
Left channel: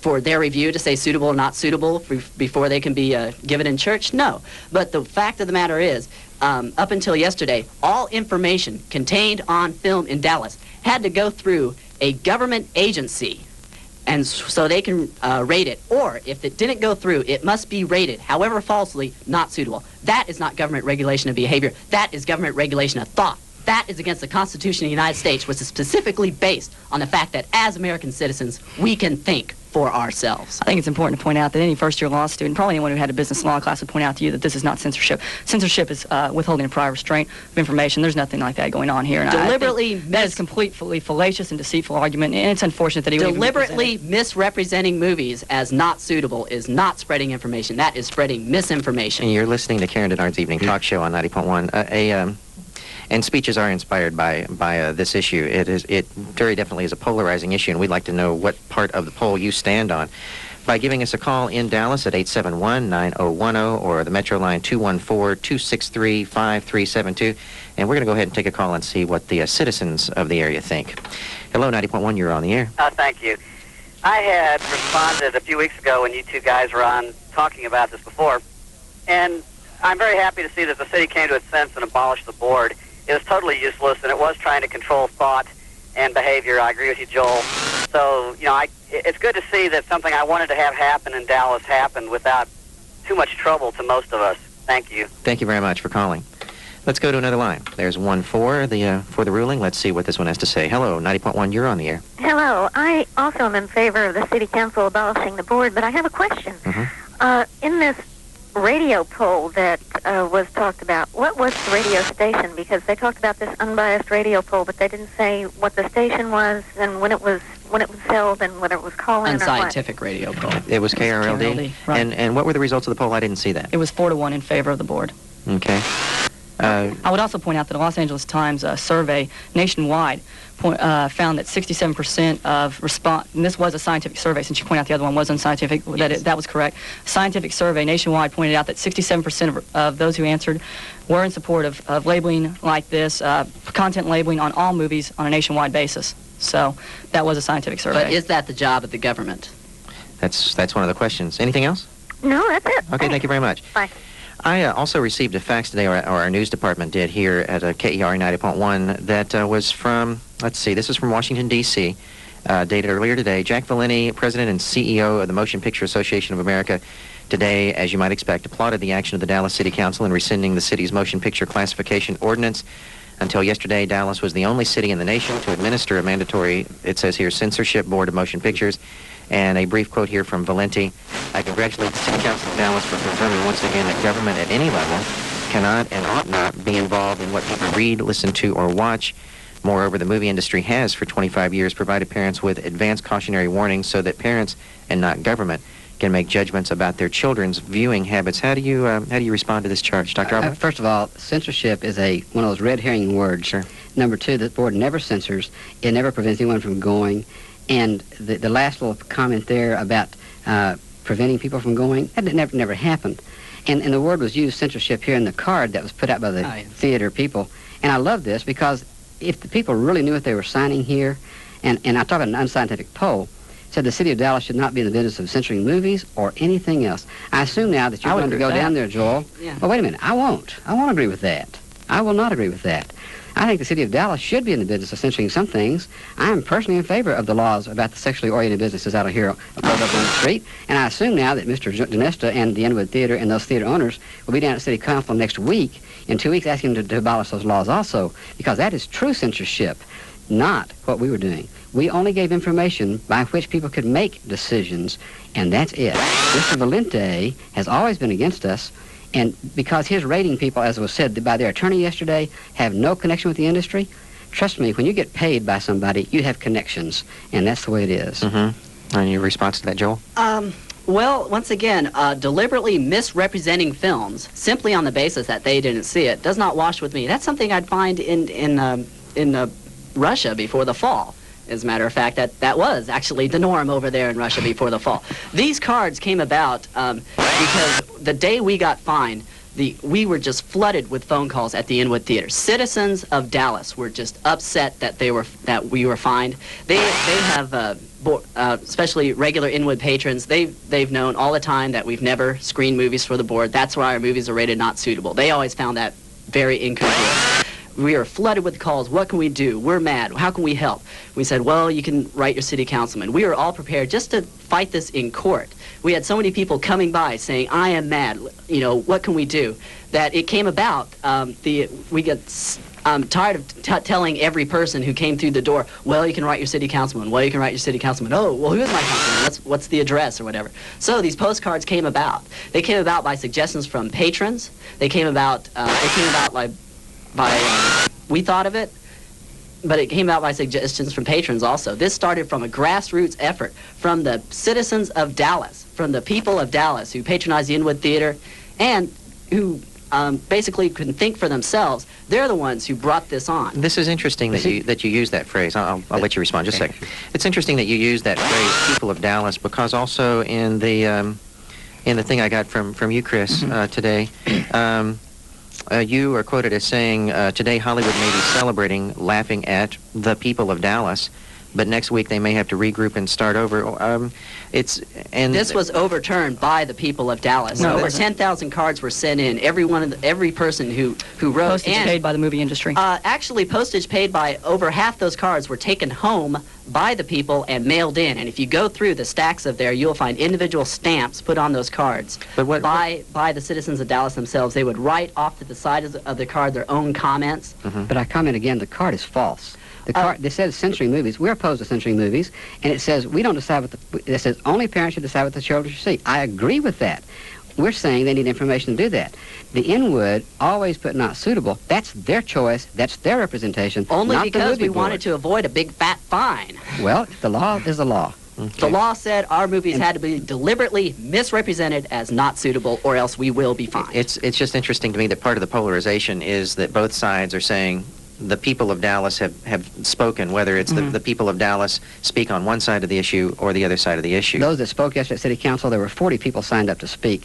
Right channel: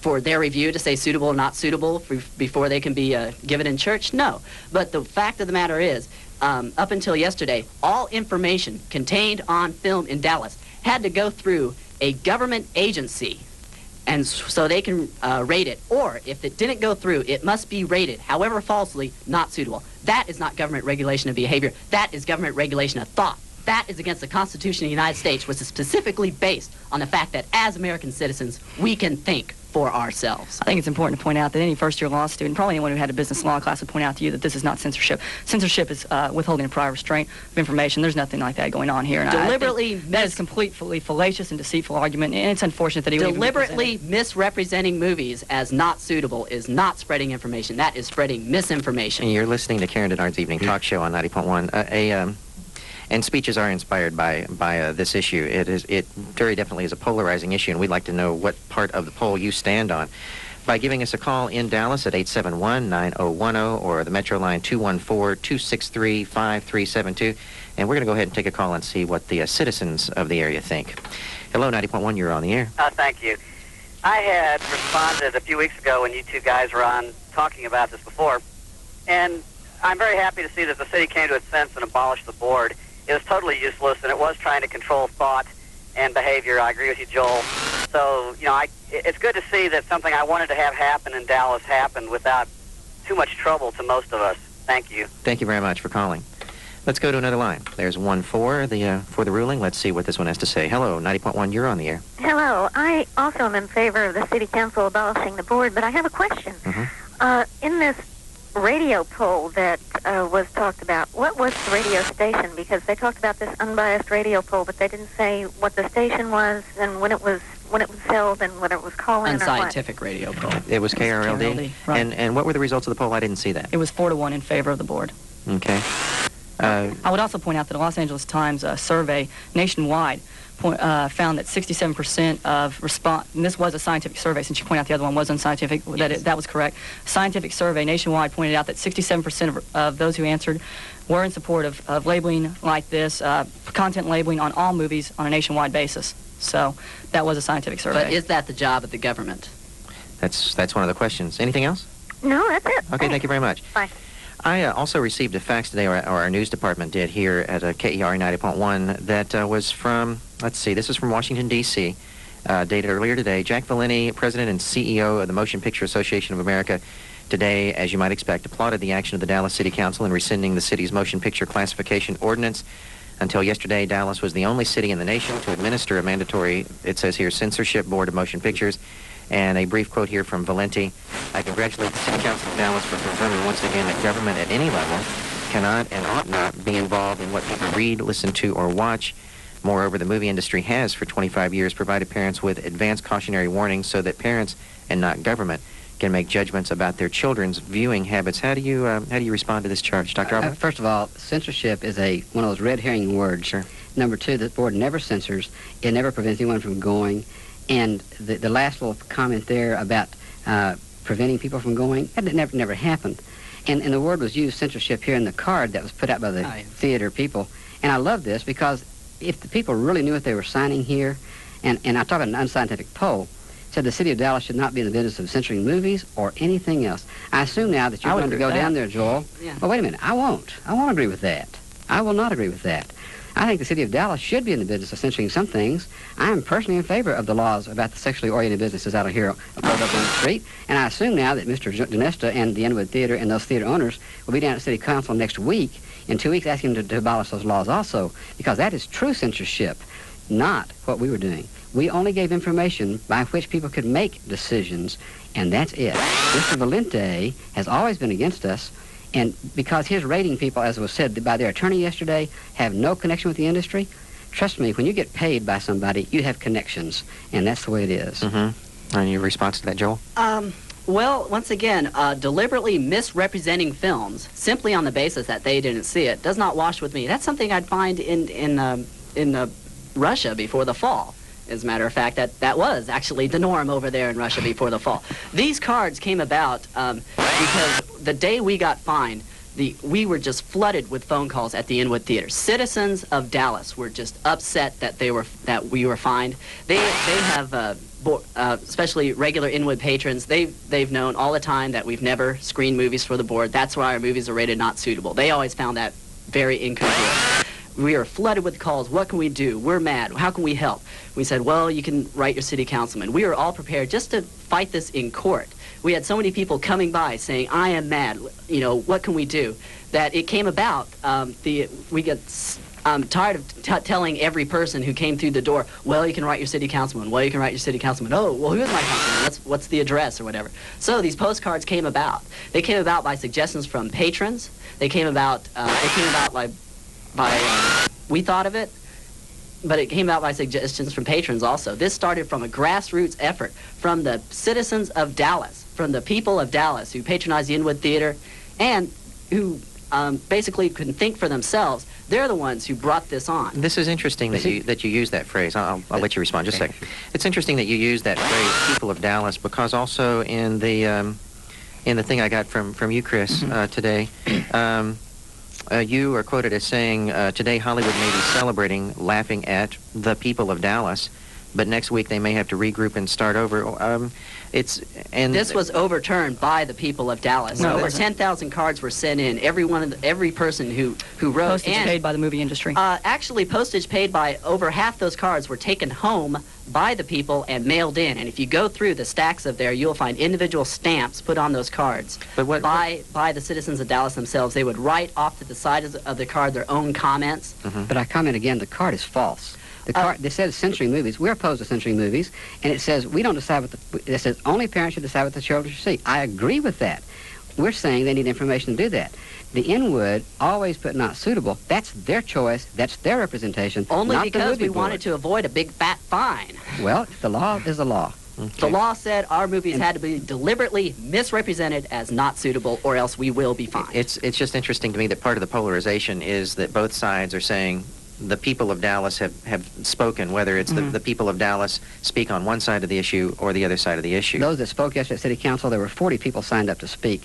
for their review to say suitable or not suitable before they can be given in church? No. But the fact of the matter is, up until yesterday, all information contained on film in Dallas had to go through a government agency, and so they can rate it. Or if it didn't go through, it must be rated, however falsely, not suitable. That is not government regulation of behavior. That is government regulation of thought. That is against the Constitution of the United States, which is specifically based on the fact that as American citizens, we can think for ourselves. I think it's important to point out that any first-year law student, probably anyone who had a business law class, would point out to you that this is not censorship. Censorship is withholding a prior restraint of information. There's nothing like that going on here. And that is completely fallacious and deceitful argument, and it's unfortunate that he deliberately misrepresenting movies as not suitable is not spreading information. That is spreading misinformation. And you're listening to Karen Denard's Evening Talk Show on 90.1. And speeches are inspired by this issue. It very definitely is a polarizing issue, and we'd like to know what part of the poll you stand on by giving us a call in Dallas at 871-9010 or the Metro line 214-263-5372. And we're going to go ahead and take a call and see what the citizens of the area think. Hello, 90.1, you're on the air. Thank you. I had responded a few weeks ago when you two guys were on talking about this before, and I'm very happy to see that the city came to its sense and abolished the board. It was totally useless, and it was trying to control thought and behavior. I agree with you, Joel. So, it's good to see that something I wanted to have happen in Dallas happened without too much trouble to most of us. Thank you. Thank you very much for calling. Let's go to another line. There's 1 for the ruling. Let's see what this one has to say. Hello, 90.1, you're on the air. Hello. I also am in favor of the city council abolishing the board, but I have a question. In this radio poll that was talked about, what was the radio station? Because they talked about this unbiased radio poll, but they didn't say what the station was and when it was held and whether it was call-in and or scientific radio poll. It was KRLD? Right. And what were the results of the poll? I didn't see that. It was 4-1 in favor of the board. Okay. I would also point out that the Los Angeles Times survey nationwide found that 67% of response, and this was a scientific survey, since you pointed out the other one was unscientific, that was correct. Scientific survey nationwide pointed out that 67% of those who answered were in support of labeling like this, content labeling on all movies on a nationwide basis. So that was a scientific survey. But is that the job of the government? That's one of the questions. Anything else? No, that's it. Okay, thank you very much. Bye. I also received a fax today, or our news department did here at KERA 90.1, that was from, let's see, this is from Washington, D.C., dated earlier today. Jack Valenti, President and CEO of the Motion Picture Association of America, today, as you might expect, applauded the action of the Dallas City Council in rescinding the city's motion picture classification ordinance. Until yesterday, Dallas was the only city in the nation to administer a mandatory, it says here, censorship board of motion pictures. And a brief quote here from Valenti. I congratulate the City Council of Dallas for confirming once again that government at any level cannot and ought not be involved in what people read, listen to, or watch. Moreover, the movie industry has, for 25 years, provided parents with advanced cautionary warnings so that parents, and not government, can make judgments about their children's viewing habits. How do you respond to this charge, Dr. Auerbach? First of all, censorship is one of those red herring words. Sure. Number two, the board never censors. It never prevents anyone from going. And the last little comment there about preventing people from going, that never happened. And the word was used, censorship, here in the card that was put out by the theater people. And I love this because if the people really knew what they were signing here, and I talk about an unscientific poll, said the city of Dallas should not be in the business of censoring movies or anything else. I assume now that you're going to go down there, Joel. Yeah. Well, wait a minute. I won't agree with that. I will not agree with that. I think the city of Dallas should be in the business of censoring some things. I am personally in favor of the laws about the sexually oriented businesses out of here up on the street. And I assume now that Mr. Jenista and the Inwood Theater and those theater owners will be down at City Council next week, in 2 weeks, asking them to abolish those laws also, because that is true censorship, not what we were doing. We only gave information by which people could make decisions, and that's it. Mr. Valenti has always been against us, and because his rating people, as was said by their attorney yesterday, have no connection with the industry, trust me, when you get paid by somebody, you have connections, and that's the way it is. Mm-hmm. And your response to that, Joel? Well, once again, deliberately misrepresenting films simply on the basis that they didn't see it does not wash with me. That's something I'd find in Russia before the fall. As a matter of fact, that was actually the norm over there in Russia before the fall. These cards came about because the day we got fined, we were just flooded with phone calls at the Inwood Theater. Citizens of Dallas were just upset that we were fined. They have, especially regular Inwood patrons, they've known all the time that we've never screened movies for the board. That's why our movies are rated not suitable. They always found that very incongruous. We are flooded with calls. What can we do? We're mad. How can we help? We said, well, you can write your city councilman. We were all prepared just to fight this in court. We had so many people coming by saying, I am mad. You know, what can we do? That it came about. We get tired of telling every person who came through the door, well, you can write your city councilman. Well, you can write your city councilman. Oh, well, who is my councilman? What's the address or whatever? So these postcards came about. They came about by suggestions from patrons. They came about we thought of it, but it came out by suggestions from patrons also. This started from a grassroots effort from the citizens of Dallas, from the people of Dallas who patronize the Inwood Theater and who basically couldn't think for themselves. They're the ones who brought this on. This is interesting that you use that phrase. I'll let you respond just a second. It's interesting that you use that phrase, people of Dallas, because also in the thing I got from you, Chris, today, you are quoted as saying, today Hollywood may be celebrating, laughing at the people of Dallas, but next week they may have to regroup and start over. This was overturned by the people of Dallas. No, over 10,000 cards were sent in. Every person who wrote. Postage paid by the movie industry. Actually, postage paid by over half those cards were taken home by the people and mailed in. And if you go through the stacks of there, you'll find individual stamps put on those cards by the citizens of Dallas themselves. They would write off to the side of the card their own comments. But I comment again, the card is false. The card, they said censoring movies. We're opposed to censoring movies, and it says we don't decide it says only parents should decide what the children should see. I agree with that. We're saying they need information to do that. The Inwood always put not suitable. That's their choice. That's their representation. Only not because the we wanted to avoid a big fat fine. Well, the law is the law. The law said our movies had to be deliberately misrepresented as not suitable, or else we will be fined. It's just interesting to me that part of the polarization is that both sides are saying the people of Dallas have spoken, whether it's the people of Dallas speak on one side of the issue or the other side of the issue. Those that spoke yesterday at City Council, there were 40 people signed up to speak.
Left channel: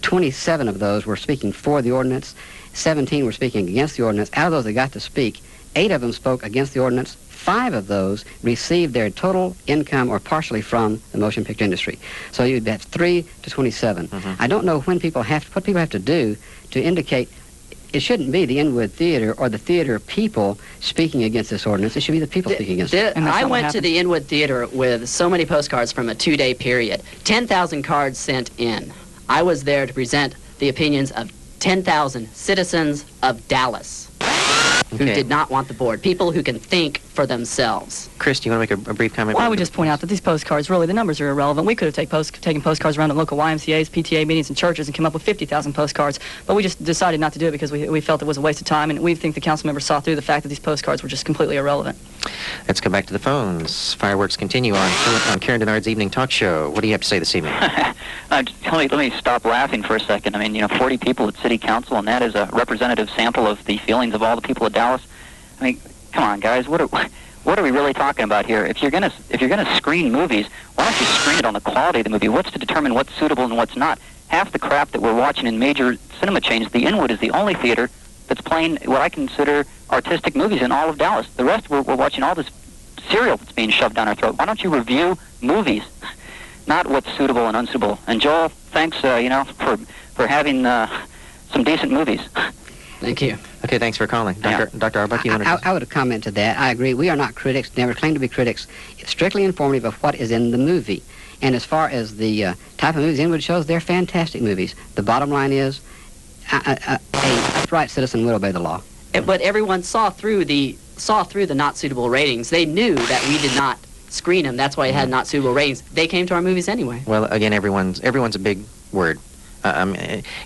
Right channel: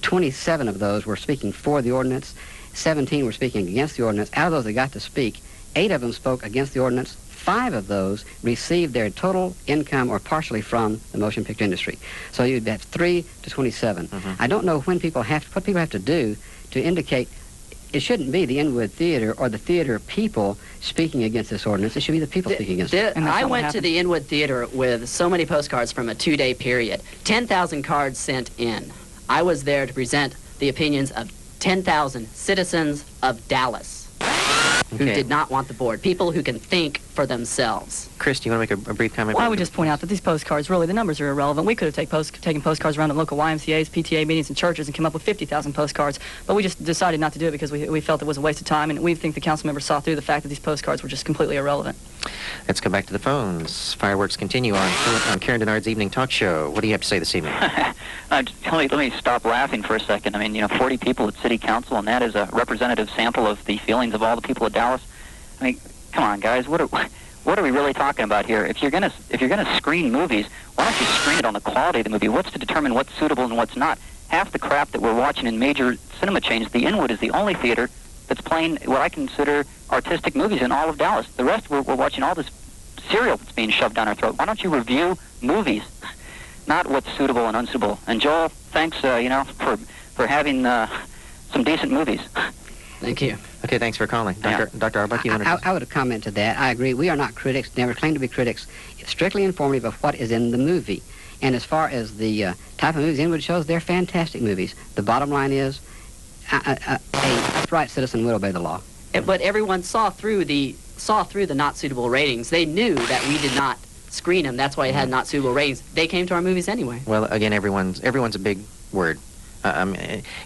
27 of those were speaking for the ordinance. 17 were speaking against the ordinance. Out of those that got to speak, 8 of them spoke against the ordinance. 5 of those received their total income or partially from the motion picture industry. So you'd have 3 to 27. I don't know what people have to do to indicate it shouldn't be the Inwood Theater or the theater people speaking against this ordinance. It should be the people speaking against it. I went to the Inwood Theater with so many postcards from a 2-day period. 10,000 cards sent in. I was there to present the opinions of 10,000 citizens of Dallas who did not want the board. People who can think for themselves. Chris, do you want to make a brief comment? Well, I would just point out that these postcards, really, the numbers are irrelevant. We could have taken postcards around at local YMCAs, PTA meetings, and churches and come up with 50,000 postcards, but we just decided not to do it because we felt it was a waste of time, and we think the council members saw through the fact that these postcards were just completely irrelevant. Let's go back to the phones. Fireworks continue on Karen Denard's Evening Talk Show. What do you have to say this evening? Let me stop laughing for a second. I mean, 40 people at City Council, and that is a representative sample of the feelings of all the people of Dallas. I mean, come on, guys. What are we really talking about here? If you're gonna screen movies, why don't you screen it on the quality of the movie? What's to determine what's suitable and what's not? Half the crap that we're watching in major cinema chains, the Inwood is the only theater that's playing what I consider artistic movies in all of Dallas. The rest, we're watching all this cereal that's being shoved down our throat. Why don't you review movies, not what's suitable and unsuitable? And Joel, thanks, for having some decent movies. Thank you. Okay, thanks for calling. Dr. Auerbach, you want to... I would comment to that. I agree. We are not critics, never claim to be critics. It's strictly informative of what is in the movie. And as far as the type of movies Inwood shows, they're fantastic movies. The bottom line is, a upright citizen will obey the law. But everyone saw through the not suitable ratings. They knew that we did not screen them. That's why it had not suitable ratings. They came to our movies anyway. Well, again, everyone's a big word.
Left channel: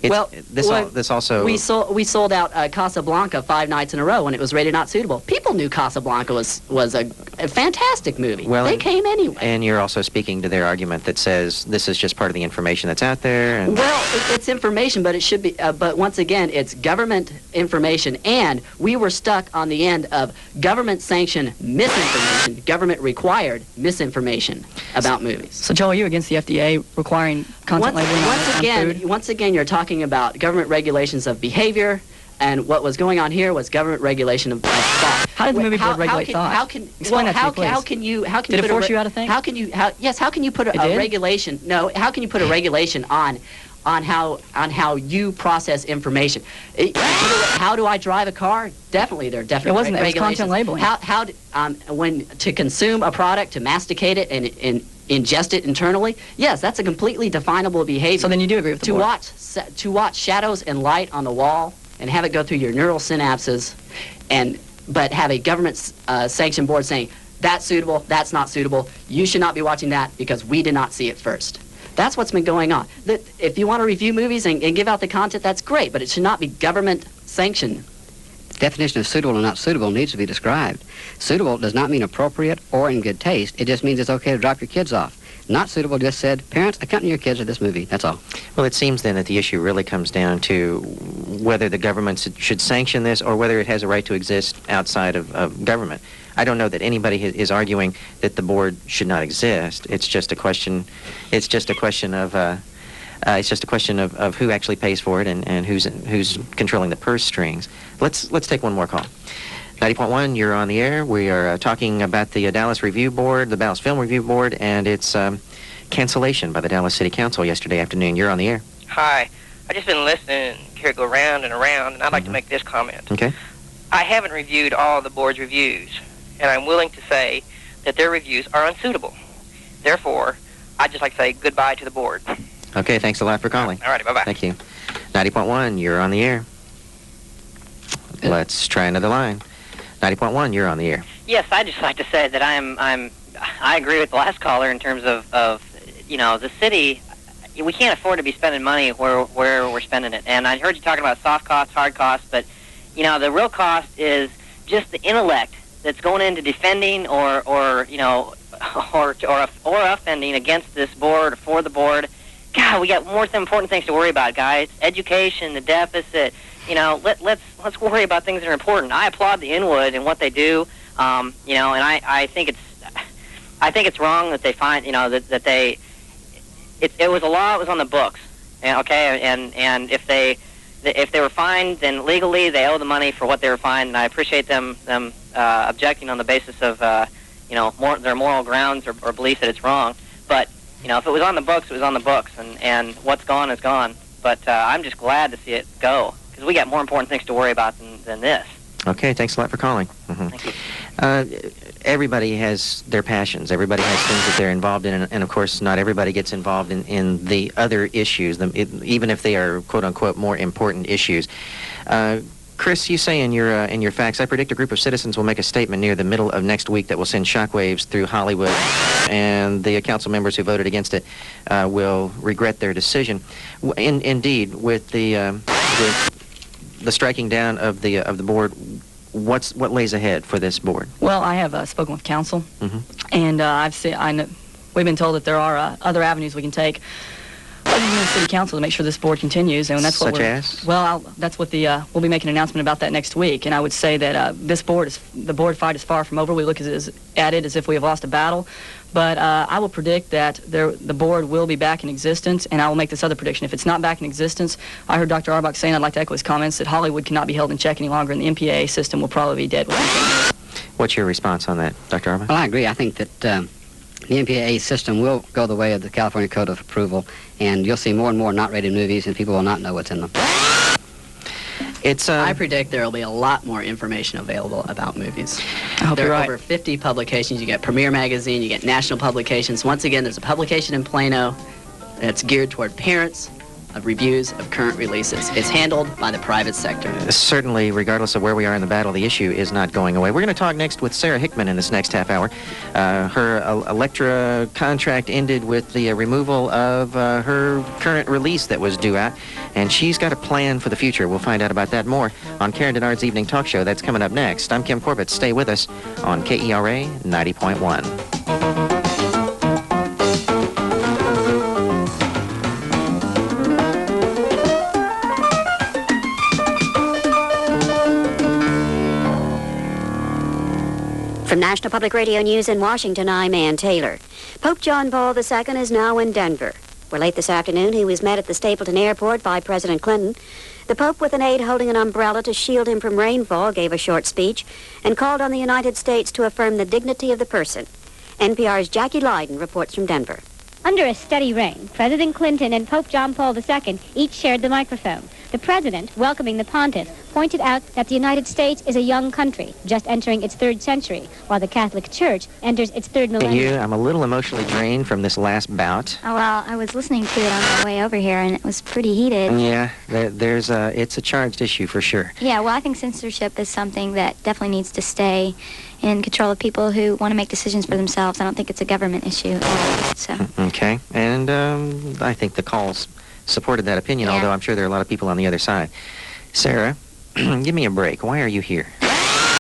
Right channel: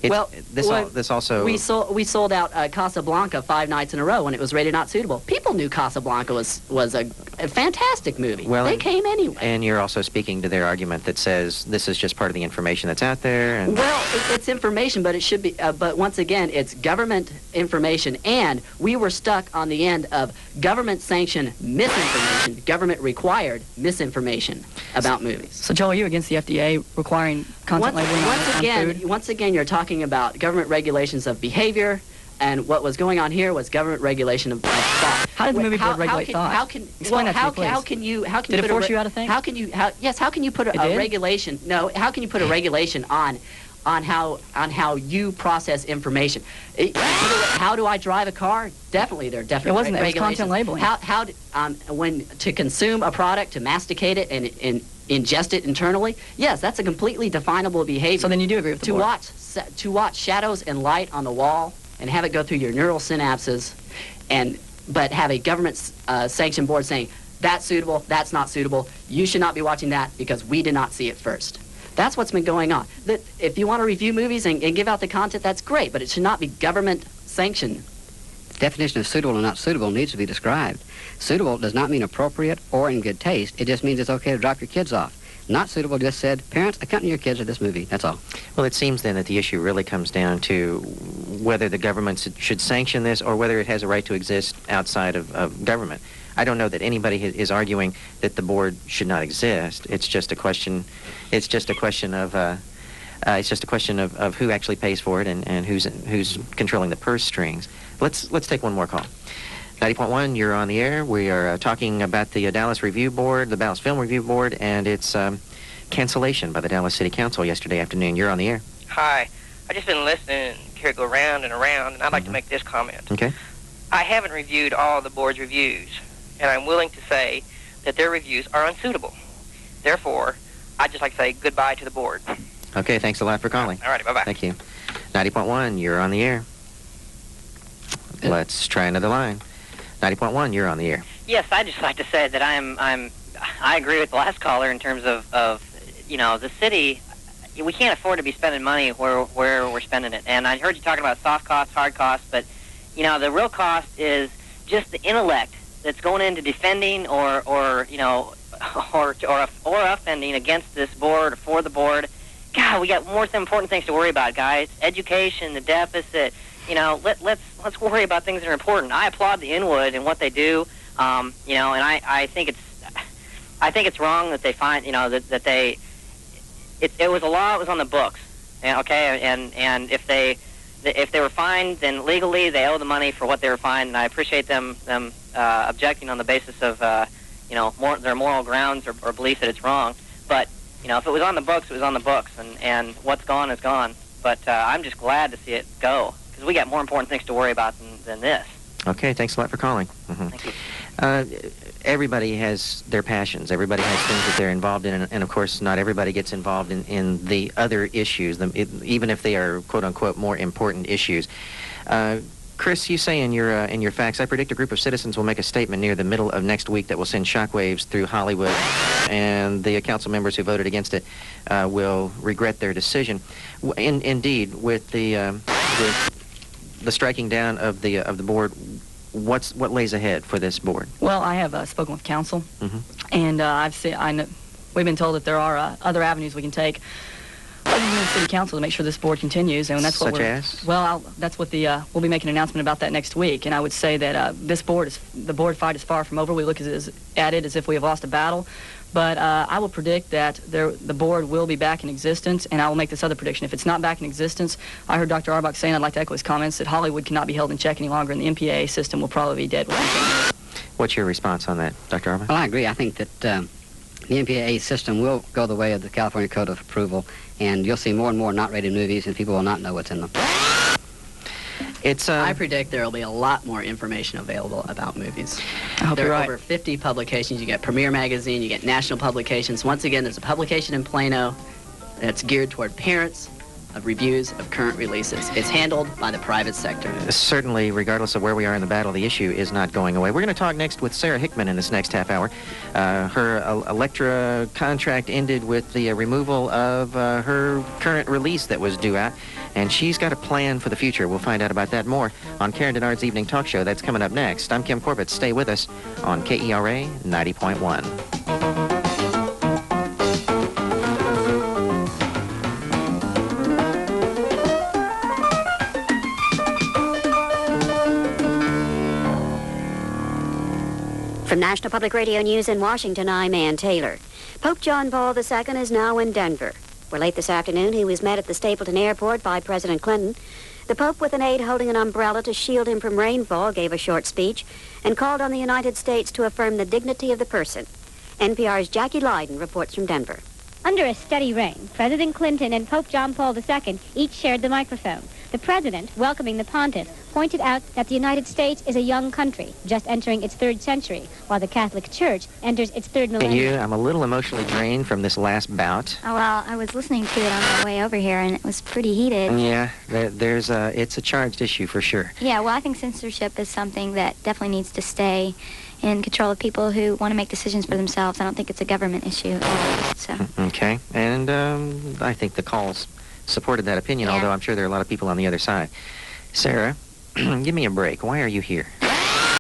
This also... We sold out Casablanca 5 nights in a row when it was rated not suitable. People knew Casablanca was a fantastic movie. Well, they came anyway. And you're also speaking to their argument that says this is just part of the information that's out there. And... Well, it's information, but it should be. But once again, it's government information, and we were stuck on the end of government-sanctioned misinformation, government-required misinformation about movies. So, Joel, are you against the FDA requiring content labeling on food? Once again, you're talking about government regulations of behavior, and what was going on here was government regulation of thought. How did the movie board regulate thought? Explain that to me, please. How can you Did it force you out of things? How can you put a regulation? No. How can you put a regulation on how you process information? How do I drive a car? Definitely, there are definitely regulations. It was content labeling. When to consume a product, to masticate it and ingest it internally, yes, that's a completely definable behavior. So then you do agree with the board. To watch shadows and light on the wall and have it go through your neural synapses, but have a government sanctioned board saying that's suitable, that's not suitable, you should not be watching that because we did not see it first. That's what's been going on. If you want to review movies and give out the content, that's great, but it should not be government sanctioned. Definition of suitable and not suitable needs to be described. Suitable does not mean appropriate or in good taste. It just means it's okay to drop your kids off. Not suitable just said, parents, accompany your kids to this movie. That's all. Well, it seems then that the issue really comes down to whether the government should sanction this or whether it has a right to exist outside of government. I don't know that anybody is arguing that the board should not exist. It's just a question. It's just a question of who actually pays for it and who's controlling the purse strings. Let's take one more call. 90.1, you're on the air. We are talking about the Dallas Review Board, the Dallas Film Review Board, and its cancellation by the Dallas City Council yesterday afternoon. You're on the air. Hi. I've just been listening to hear it go round and around, and I'd like to make this comment. Okay. I haven't reviewed all the board's reviews, and I'm willing to say that their reviews are unsuitable. Therefore, I'd just like to say goodbye to the board. Okay, thanks a lot for calling. All right, bye-bye. Thank you. 90.1, you're on the air. Let's try another line. 90.1, you're on the air. Yes, I'd just like to say that I agree with the last caller in terms of the city. We can't afford to be spending money where we're spending it. And I heard you talking about soft costs, hard costs, but the real cost is just the intellect that's going into defending or offending against this board or for the board. God, we got more important things to worry about, guys. Education, the deficit. Let's worry about things that are important. I applaud the Inwood and what they do. And I think it's wrong that they find that they. It was a law. It was on the books. And if they if they were fined, then legally they owe the money for what they were fined, and I appreciate them objecting on the basis of their moral grounds or belief that it's wrong. But if it was on the books, it was on the books, and what's gone is gone. But I'm just glad to see it go, because we got more important things to worry about than this. Okay, thanks a lot for calling. Thank you. Everybody has their passions. Everybody has things that they're involved in, and of course, not everybody gets involved in the other issues, even if they are quote-unquote more important issues. Chris, you say in your facts, I predict a group of citizens will make a statement near the middle of next week that will send shockwaves through Hollywood, and the council members who voted against it will regret their decision. Indeed, with the striking down of the board, what lays ahead for this board? Well, I have spoken with council, and we've been told that there are other avenues we can take. The city council to make sure this board continues, and that's what that's what we'll be making an announcement about that next week. And I would say that the board fight is far from over. We look at it as if we have lost a battle, but I will predict that the board will be back in existence, and I will make this other prediction. If it's not back in existence, I heard Dr. Aurbach saying, I'd like to echo his comments, that Hollywood cannot be held in check any longer, and the MPAA system will probably be dead. What's your response on that, Dr. Aurbach? Well, I agree. I think that the MPAA system will go the way of the California Code of Approval, and you'll see more and more not-rated movies, and people will not know what's in them. I predict there will be a lot more information available about movies. I hope there you're are right. over 50 publications. You get Premiere Magazine, you get national publications. Once again, there's a publication in Plano that's geared toward parents of reviews of current releases. It's handled by the private sector. Certainly, regardless of where we are in the battle, the issue is not going away. We're going to talk next with Sarah Hickman in this next half hour. Her Electra contract ended with the removal of her current release that was due out, and she's got a plan for the future. We'll find out about that more on Karen Denard's Evening Talk Show. That's coming up next. I'm Kim Corbett. Stay with us on KERA 90.1. From National Public Radio News in Washington, I'm Ann Taylor. Pope John Paul II is now in Denver, where late this afternoon he was met at the Stapleton Airport by President Clinton. The Pope, with an aide holding an umbrella to shield him from rainfall, gave a short speech and called on the United States to affirm the dignity of the person. NPR's Jackie Leiden reports from Denver. Under a steady rain, President Clinton and Pope John Paul II each shared the microphone. The president, welcoming the pontiff, pointed out that the United States is a young country, just entering its third century, while the Catholic Church enters its third millennium. I'm a little emotionally drained from this last bout. Oh, well, I was listening to it on my way over here, and it was pretty heated. Yeah, it's a charged issue for sure. Yeah, well, I think censorship is something that definitely needs to stay in control of people who want to make decisions for themselves. I don't think it's a government issue. So. Okay, and I think the calls supported that opinion, although I'm sure there are a lot of people on the other side. Sarah, give me a break. Why are you here?